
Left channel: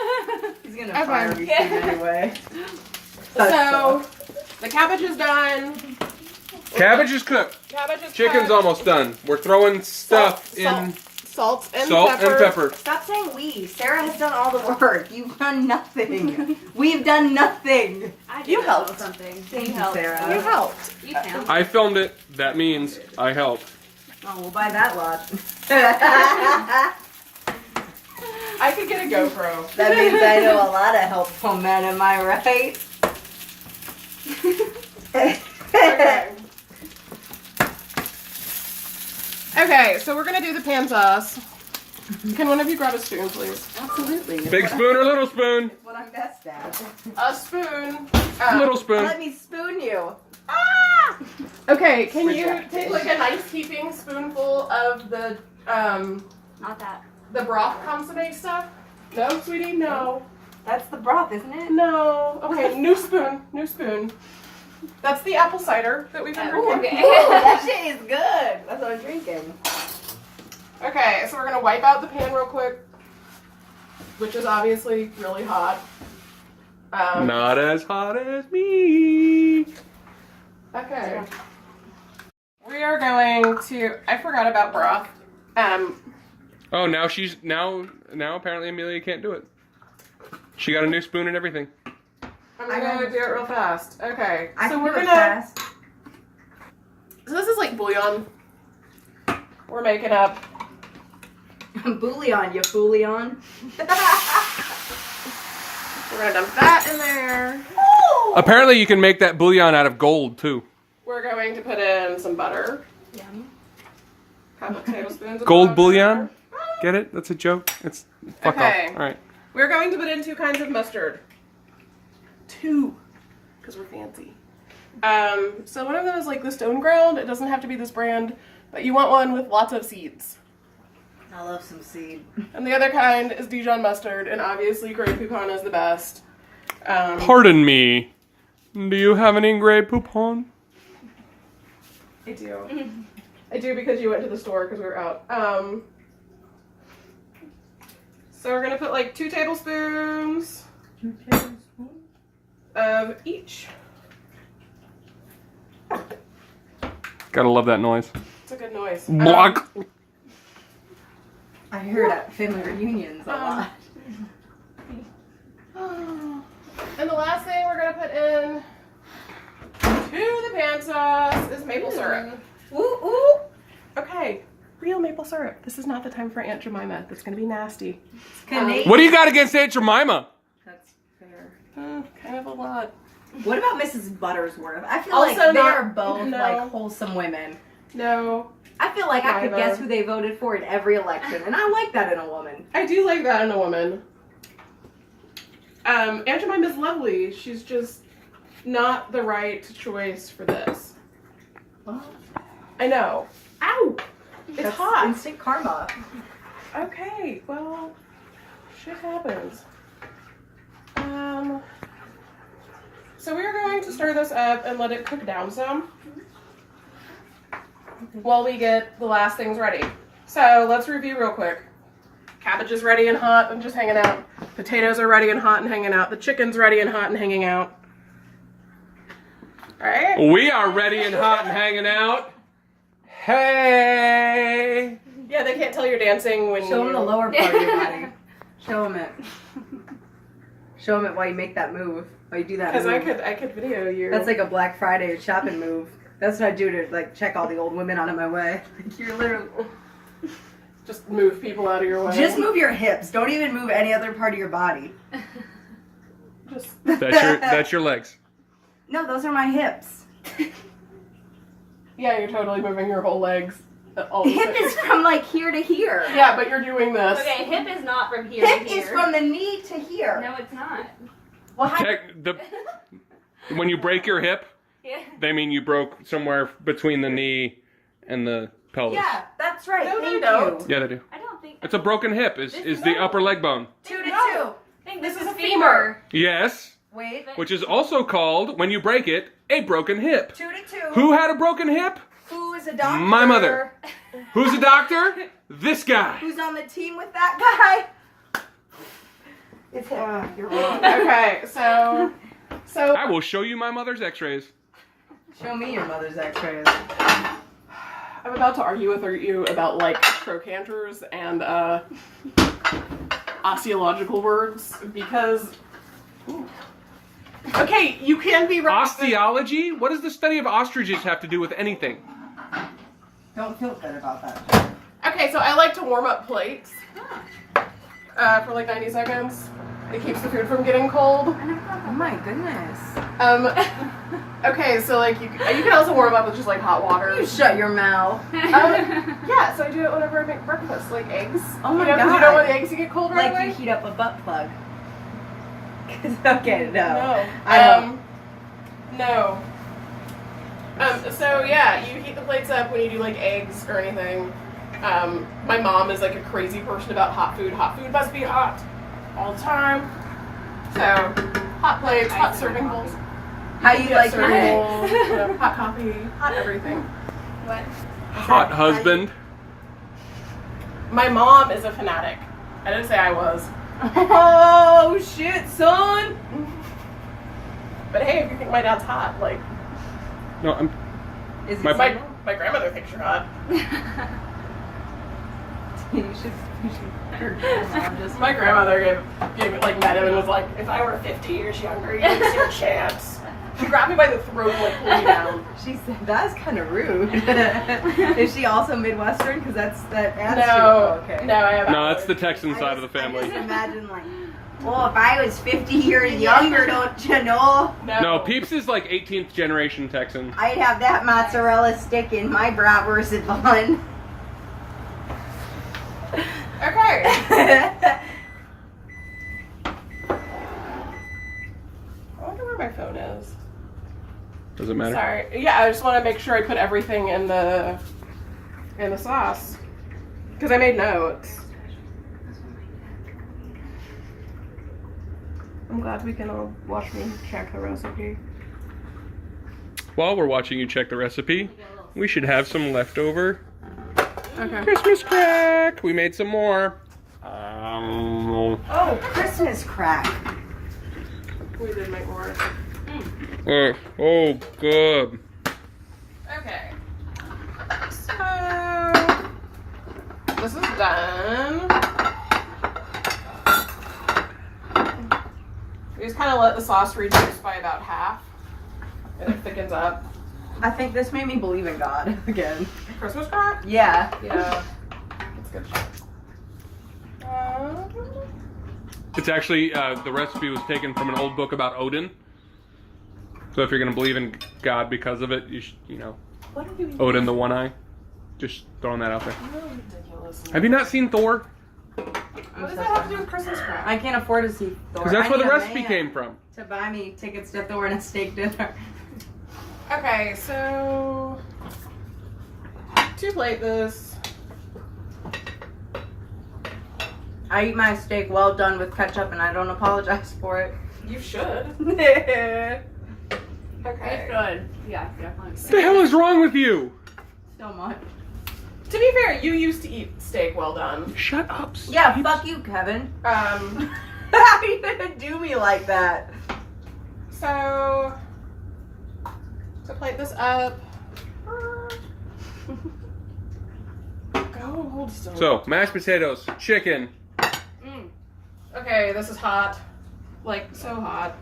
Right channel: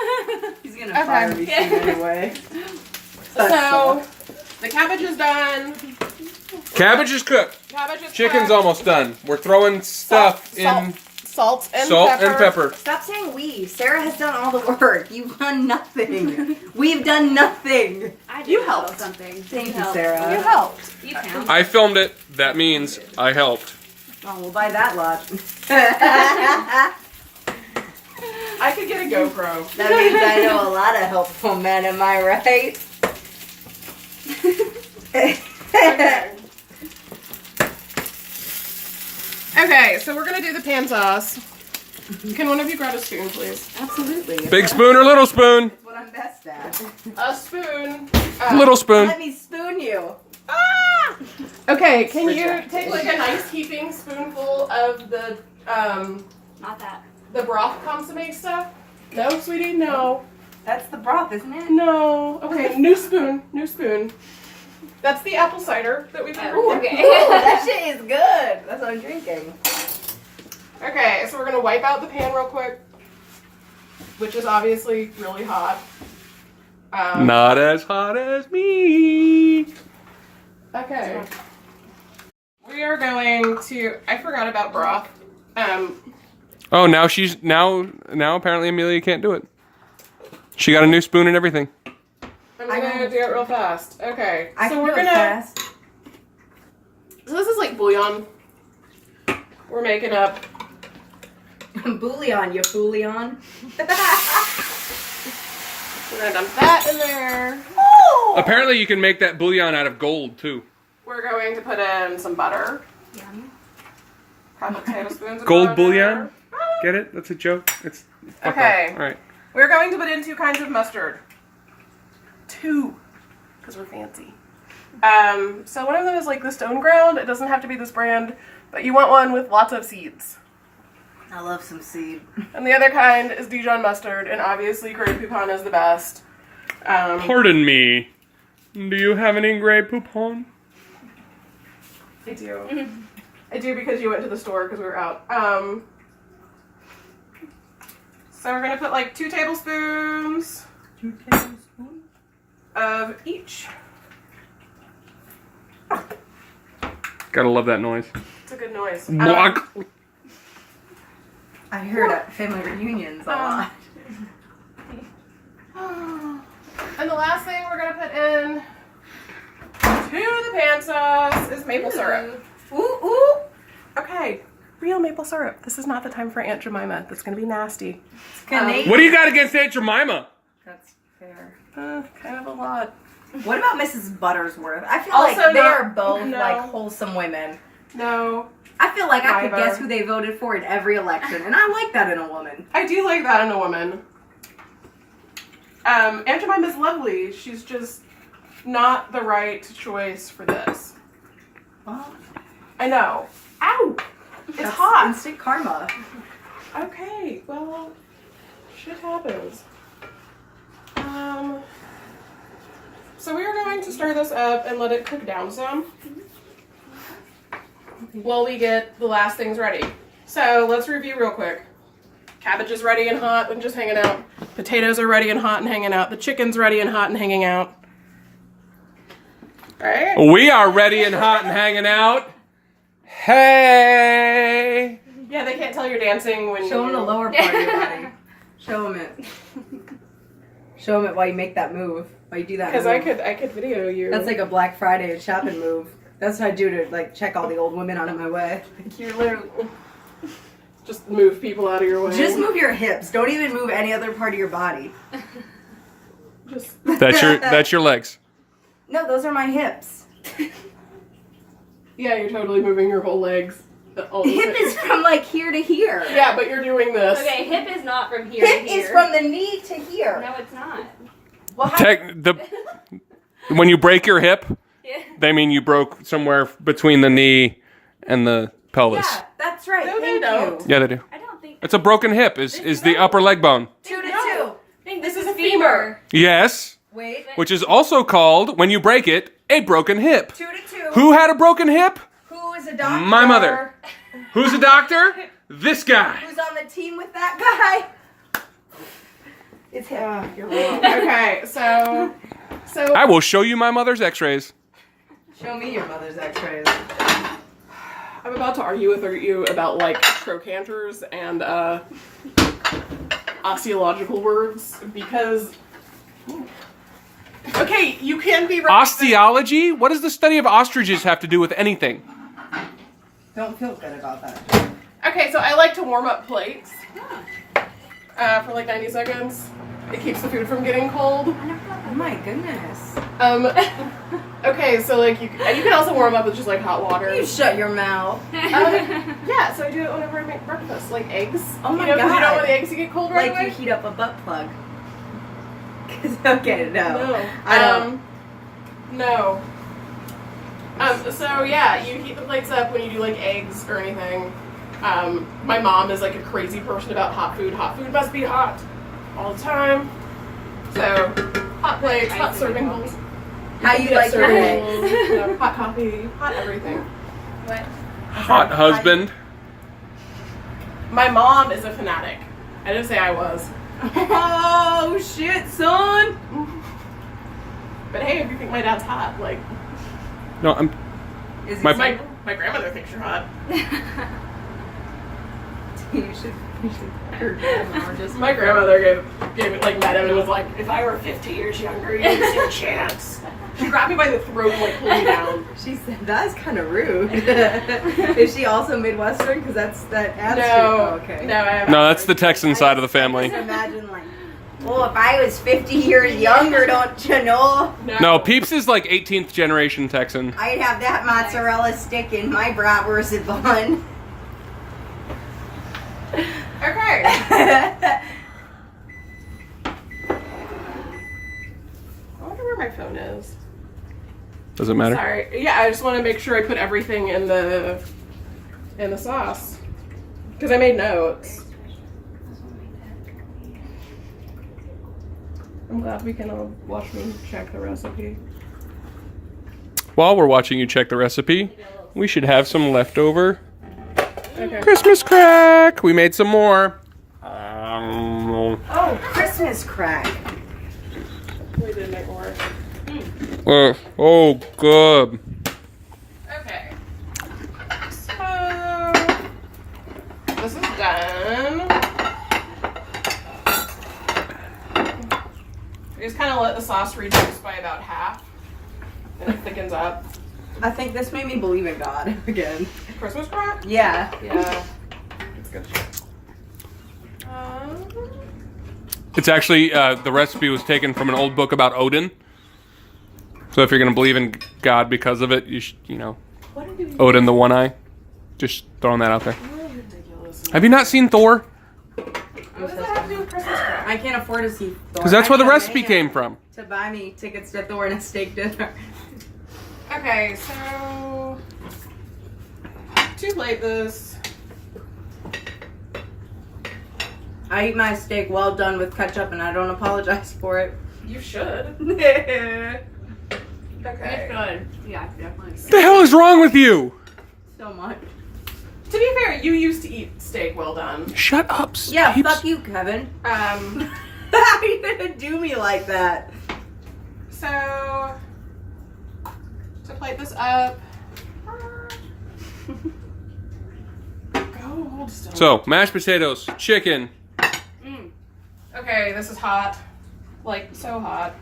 He's gonna fire me soon anyway. So, the cabbage is done. Cabbage is cooked. Cabbage is Chicken's cooked. almost done. We're throwing stuff in Salt and salt pepper. and pepper. Stop saying we. Sarah has done all the work. You've done nothing. We've done nothing. I You did know helped. something. Thank you, helped. Sarah. You helped. You count. I filmed it. That means I helped. Oh, we'll buy that lot. I could get a GoPro. That means I know a lot of helpful men, am I right? Okay. Okay, so we're gonna do the pan sauce. Can one of you grab a spoon, please? Absolutely. Big spoon or little spoon? That's what I'm best at. A spoon. Little spoon. Let me spoon you. Ah! Okay, can you Rejected. take like a nice heaping spoonful of the Not that. broth consomme stuff? No, sweetie, no. That's the broth, isn't it? No. Okay, new spoon. New spoon. That's the apple cider that we've been Ooh, drinking. okay. Ooh, that shit is good. That's what I'm drinking. Okay, so we're gonna wipe out the pan real quick, which is obviously really hot. Not as hot as me. Okay. We are going to. I forgot about broth. Oh, now now apparently Amelia can't do it. She got a new spoon and everything. I'm gonna do it real fast. Okay. I So can we're do it gonna. fast. So this is like bouillon. We're making up. Bouillon, you fouillon. We're gonna dump that in there. Apparently you can make that bouillon out of gold too. We're going to put in some butter. Couple tablespoons of Gold butter. bouillon? Get it? That's a joke. It's fuck Okay. off. All right. We're going to put in 2 kinds of mustard. 2, because we're fancy. So one of them is like the stone ground. It doesn't have to be this brand, but you want one with lots of seeds. I love some seed. And the other kind is Dijon mustard, and obviously Grey Poupon is the best. Pardon me. Do you have any Grey Poupon? I do. I do because you went to the store because we were out. So we're gonna put like 2 tablespoons of each. Gotta love that noise. It's a good noise. Block. I heard at family reunions a lot. And the last thing we're gonna put in to the pan sauce is maple syrup. Ooh, ooh. Okay, real maple syrup. This is not the time for Aunt Jemima. That's gonna be nasty. It's Canadian. What do you got against Aunt Jemima? That's fair. Kind of a lot. What about Mrs. Buttersworth? I feel Also like they not- are both no. like wholesome women. No, I feel like I could Neither. guess who they voted for in every election, and I like that in a woman. I do like that in a woman. Aunt Jemima's lovely. She's just not the right choice for this. Well, I know. Ow! It's that's hot. Instant karma. Okay, well, shit happens. So we are going to stir this up and let it cook down some while we get the last things ready. So let's review real quick. Cabbage is ready and hot and just hanging out. Potatoes are ready and hot and hanging out. The chicken's ready and hot and hanging out. All right? We are ready and hot and hanging out. Hey! Yeah, they can't tell you're dancing when Show them the lower part of your body. Show them it. Show them it while you make that move. While you do that Because move. I could video you. That's like a Black Friday shopping move. That's what I do to like check all the old women out of my way. You're literally just move people out of your way. just move your hips. Don't even move any other part of your body. Just That's your legs. No, those are my hips. yeah, you're totally moving your whole legs. All the Hip same. is from like here to here. Yeah, but you're doing this. Okay, hip is not from here Hip to here. is from the knee to here. No, it's not. Well, how- When you break your hip, Yeah. they mean you broke somewhere between the knee and the pelvis. yeah, that's right. No, they Thank don't. you. Yeah, they do. I don't think. It's a broken hip. Is the upper leg bone? 2 to No. 2. I think This is a femur. Yes, Wait. which is also called, when you break it, a broken hip. 2 to 2. Who had a broken hip? Who is a doctor? My mother. Who's a doctor? This guy. Who's on the team with that guy? It's him. You're wrong. Okay, so I will show you my mother's x-rays. Show me your mother's x-rays. I'm about to argue with you about like trochanters and osteological words because. Okay, you can be right. Osteology? What does the study of ostriches have to do with anything? Don't feel good about that. Okay, so I like to warm up plates for like 90 seconds. It keeps the food from getting cold. Oh my goodness. Okay, so like you can also warm up with just like hot water. You shut your mouth. Yeah, so I do it whenever I make breakfast, like eggs. Oh my you know, 'cause you God. don't want the eggs to get cold right Like away. you heat up a butt plug. Okay, no. No. I don't. No. So yeah, you heat the plates up when you do like eggs or anything. My mom is like a crazy person about hot food. Hot food must be hot all the time. So hot plates, hot serving bowls. How you like your serving eggs? bowls, you know, hot coffee, hot everything. What? Hot husband. My mom is a fanatic. I didn't say I was. Oh shit, son! But hey, if you think my dad's hot, like No, I'm. Is he My- single? my grandmother thinks you're hot. You should. Your grandma just. My grandmother gave it like met him and was like, if I were 50 years younger, you didn't stand a chance. She grabbed me by the throat and like pulled me down. She said that's kind of rude. Is she also Midwestern? Because that's that attitude. No, Oh, okay. no, I have No, that's the Texan side of the I family. just imagine like, well, if I was 50 years younger, don't you know? No, Peeps is like 18th generation Texan. I'd have that mozzarella stick in my bratwurst bun. Okay. I wonder where my phone is. Does it matter? Sorry. Yeah, I just want to make sure I put everything in the sauce because I made notes. I'm glad we can all watch me check the recipe. While we're watching you check the recipe, we should have some leftover Okay. Christmas crack. We made some more. Oh, Christmas crack. We did make more. Oh, good. Okay. So this is done. You just kind of let the sauce reduce by about half, and it thickens up. I think this made me believe in God again. Christmas crack? Yeah. Yeah. It's good shit. It's actually, the recipe was taken from an old book about Odin. So if you're going to believe in God because of it, you know, What are you Odin the One Eye. Just throwing that out there. really ridiculous? Have you not seen Thor? What does that have to do with Christmas crap? I can't afford to see Thor. Because that's I where the need a recipe man came from. to buy me tickets to Thor and a steak dinner. Okay, so to plate this, I eat my steak well done with ketchup, and I don't apologize for it. you should. So Okay. Good. Yeah, definitely. What the hell is wrong with you? much. To be fair, you used to eat steak well done. Shut up, Yeah, Peeps. fuck you, Kevin. How you didn't do me like that. So to plate this up. Go hold still. So, mashed potatoes, chicken. Okay, this is hot. Like so hot.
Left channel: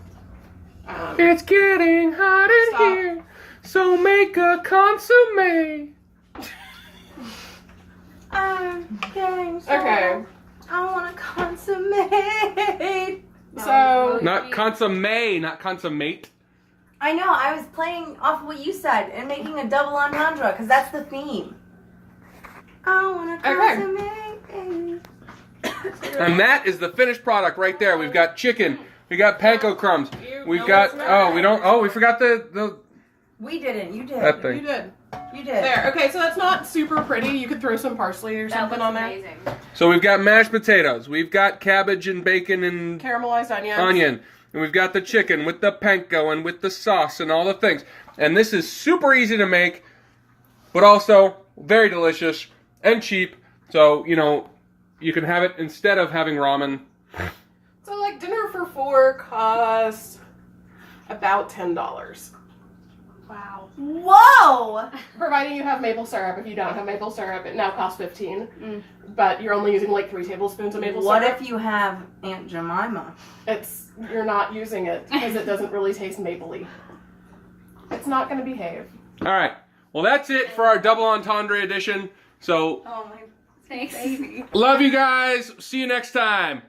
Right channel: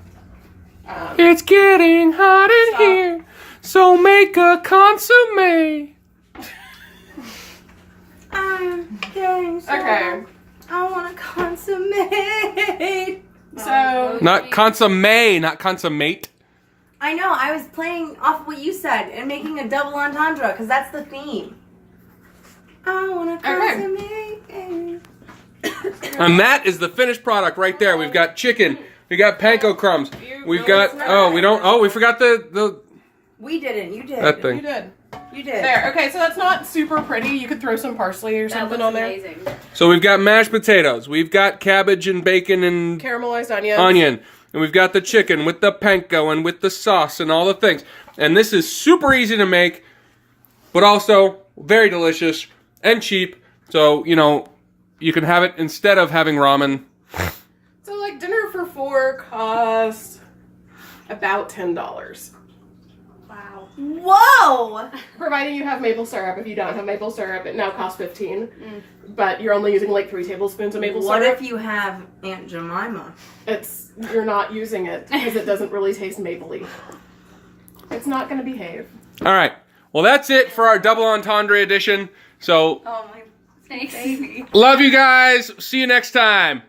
It's getting hot in Stop. here, so make a consomme. I'm getting so Okay. I want to consummate. So Not consomme, not consummate. I know, I was playing off what you said and making a double entendre because that's the theme. I want to Okay. consummate, baby. And that is the finished product right there. We've got chicken. We got panko crumbs. We've got we forgot the We didn't, you did. that you thing. did. You did. There. Okay, so that's not super pretty. You could throw some parsley or That something looks on there. amazing. So we've got mashed potatoes. We've got cabbage and bacon and Caramelized onions. onion. And we've got the chicken with the panko and with the sauce and all the things. And this is super easy to make, but also very delicious and cheap. So, you know, you can have it instead of having ramen. So like dinner for 4 cost about $10. Wow. Whoa! Providing you have maple syrup. If you don't have maple syrup, it now costs $15. But you're only using like 3 tablespoons of maple What syrup. if you have Aunt Jemima? You're not using it because it doesn't really taste mapley. It's not going to behave. All right. Well, that's it for our double entendre edition. So, Oh my thanks, baby. love you guys. See you next time.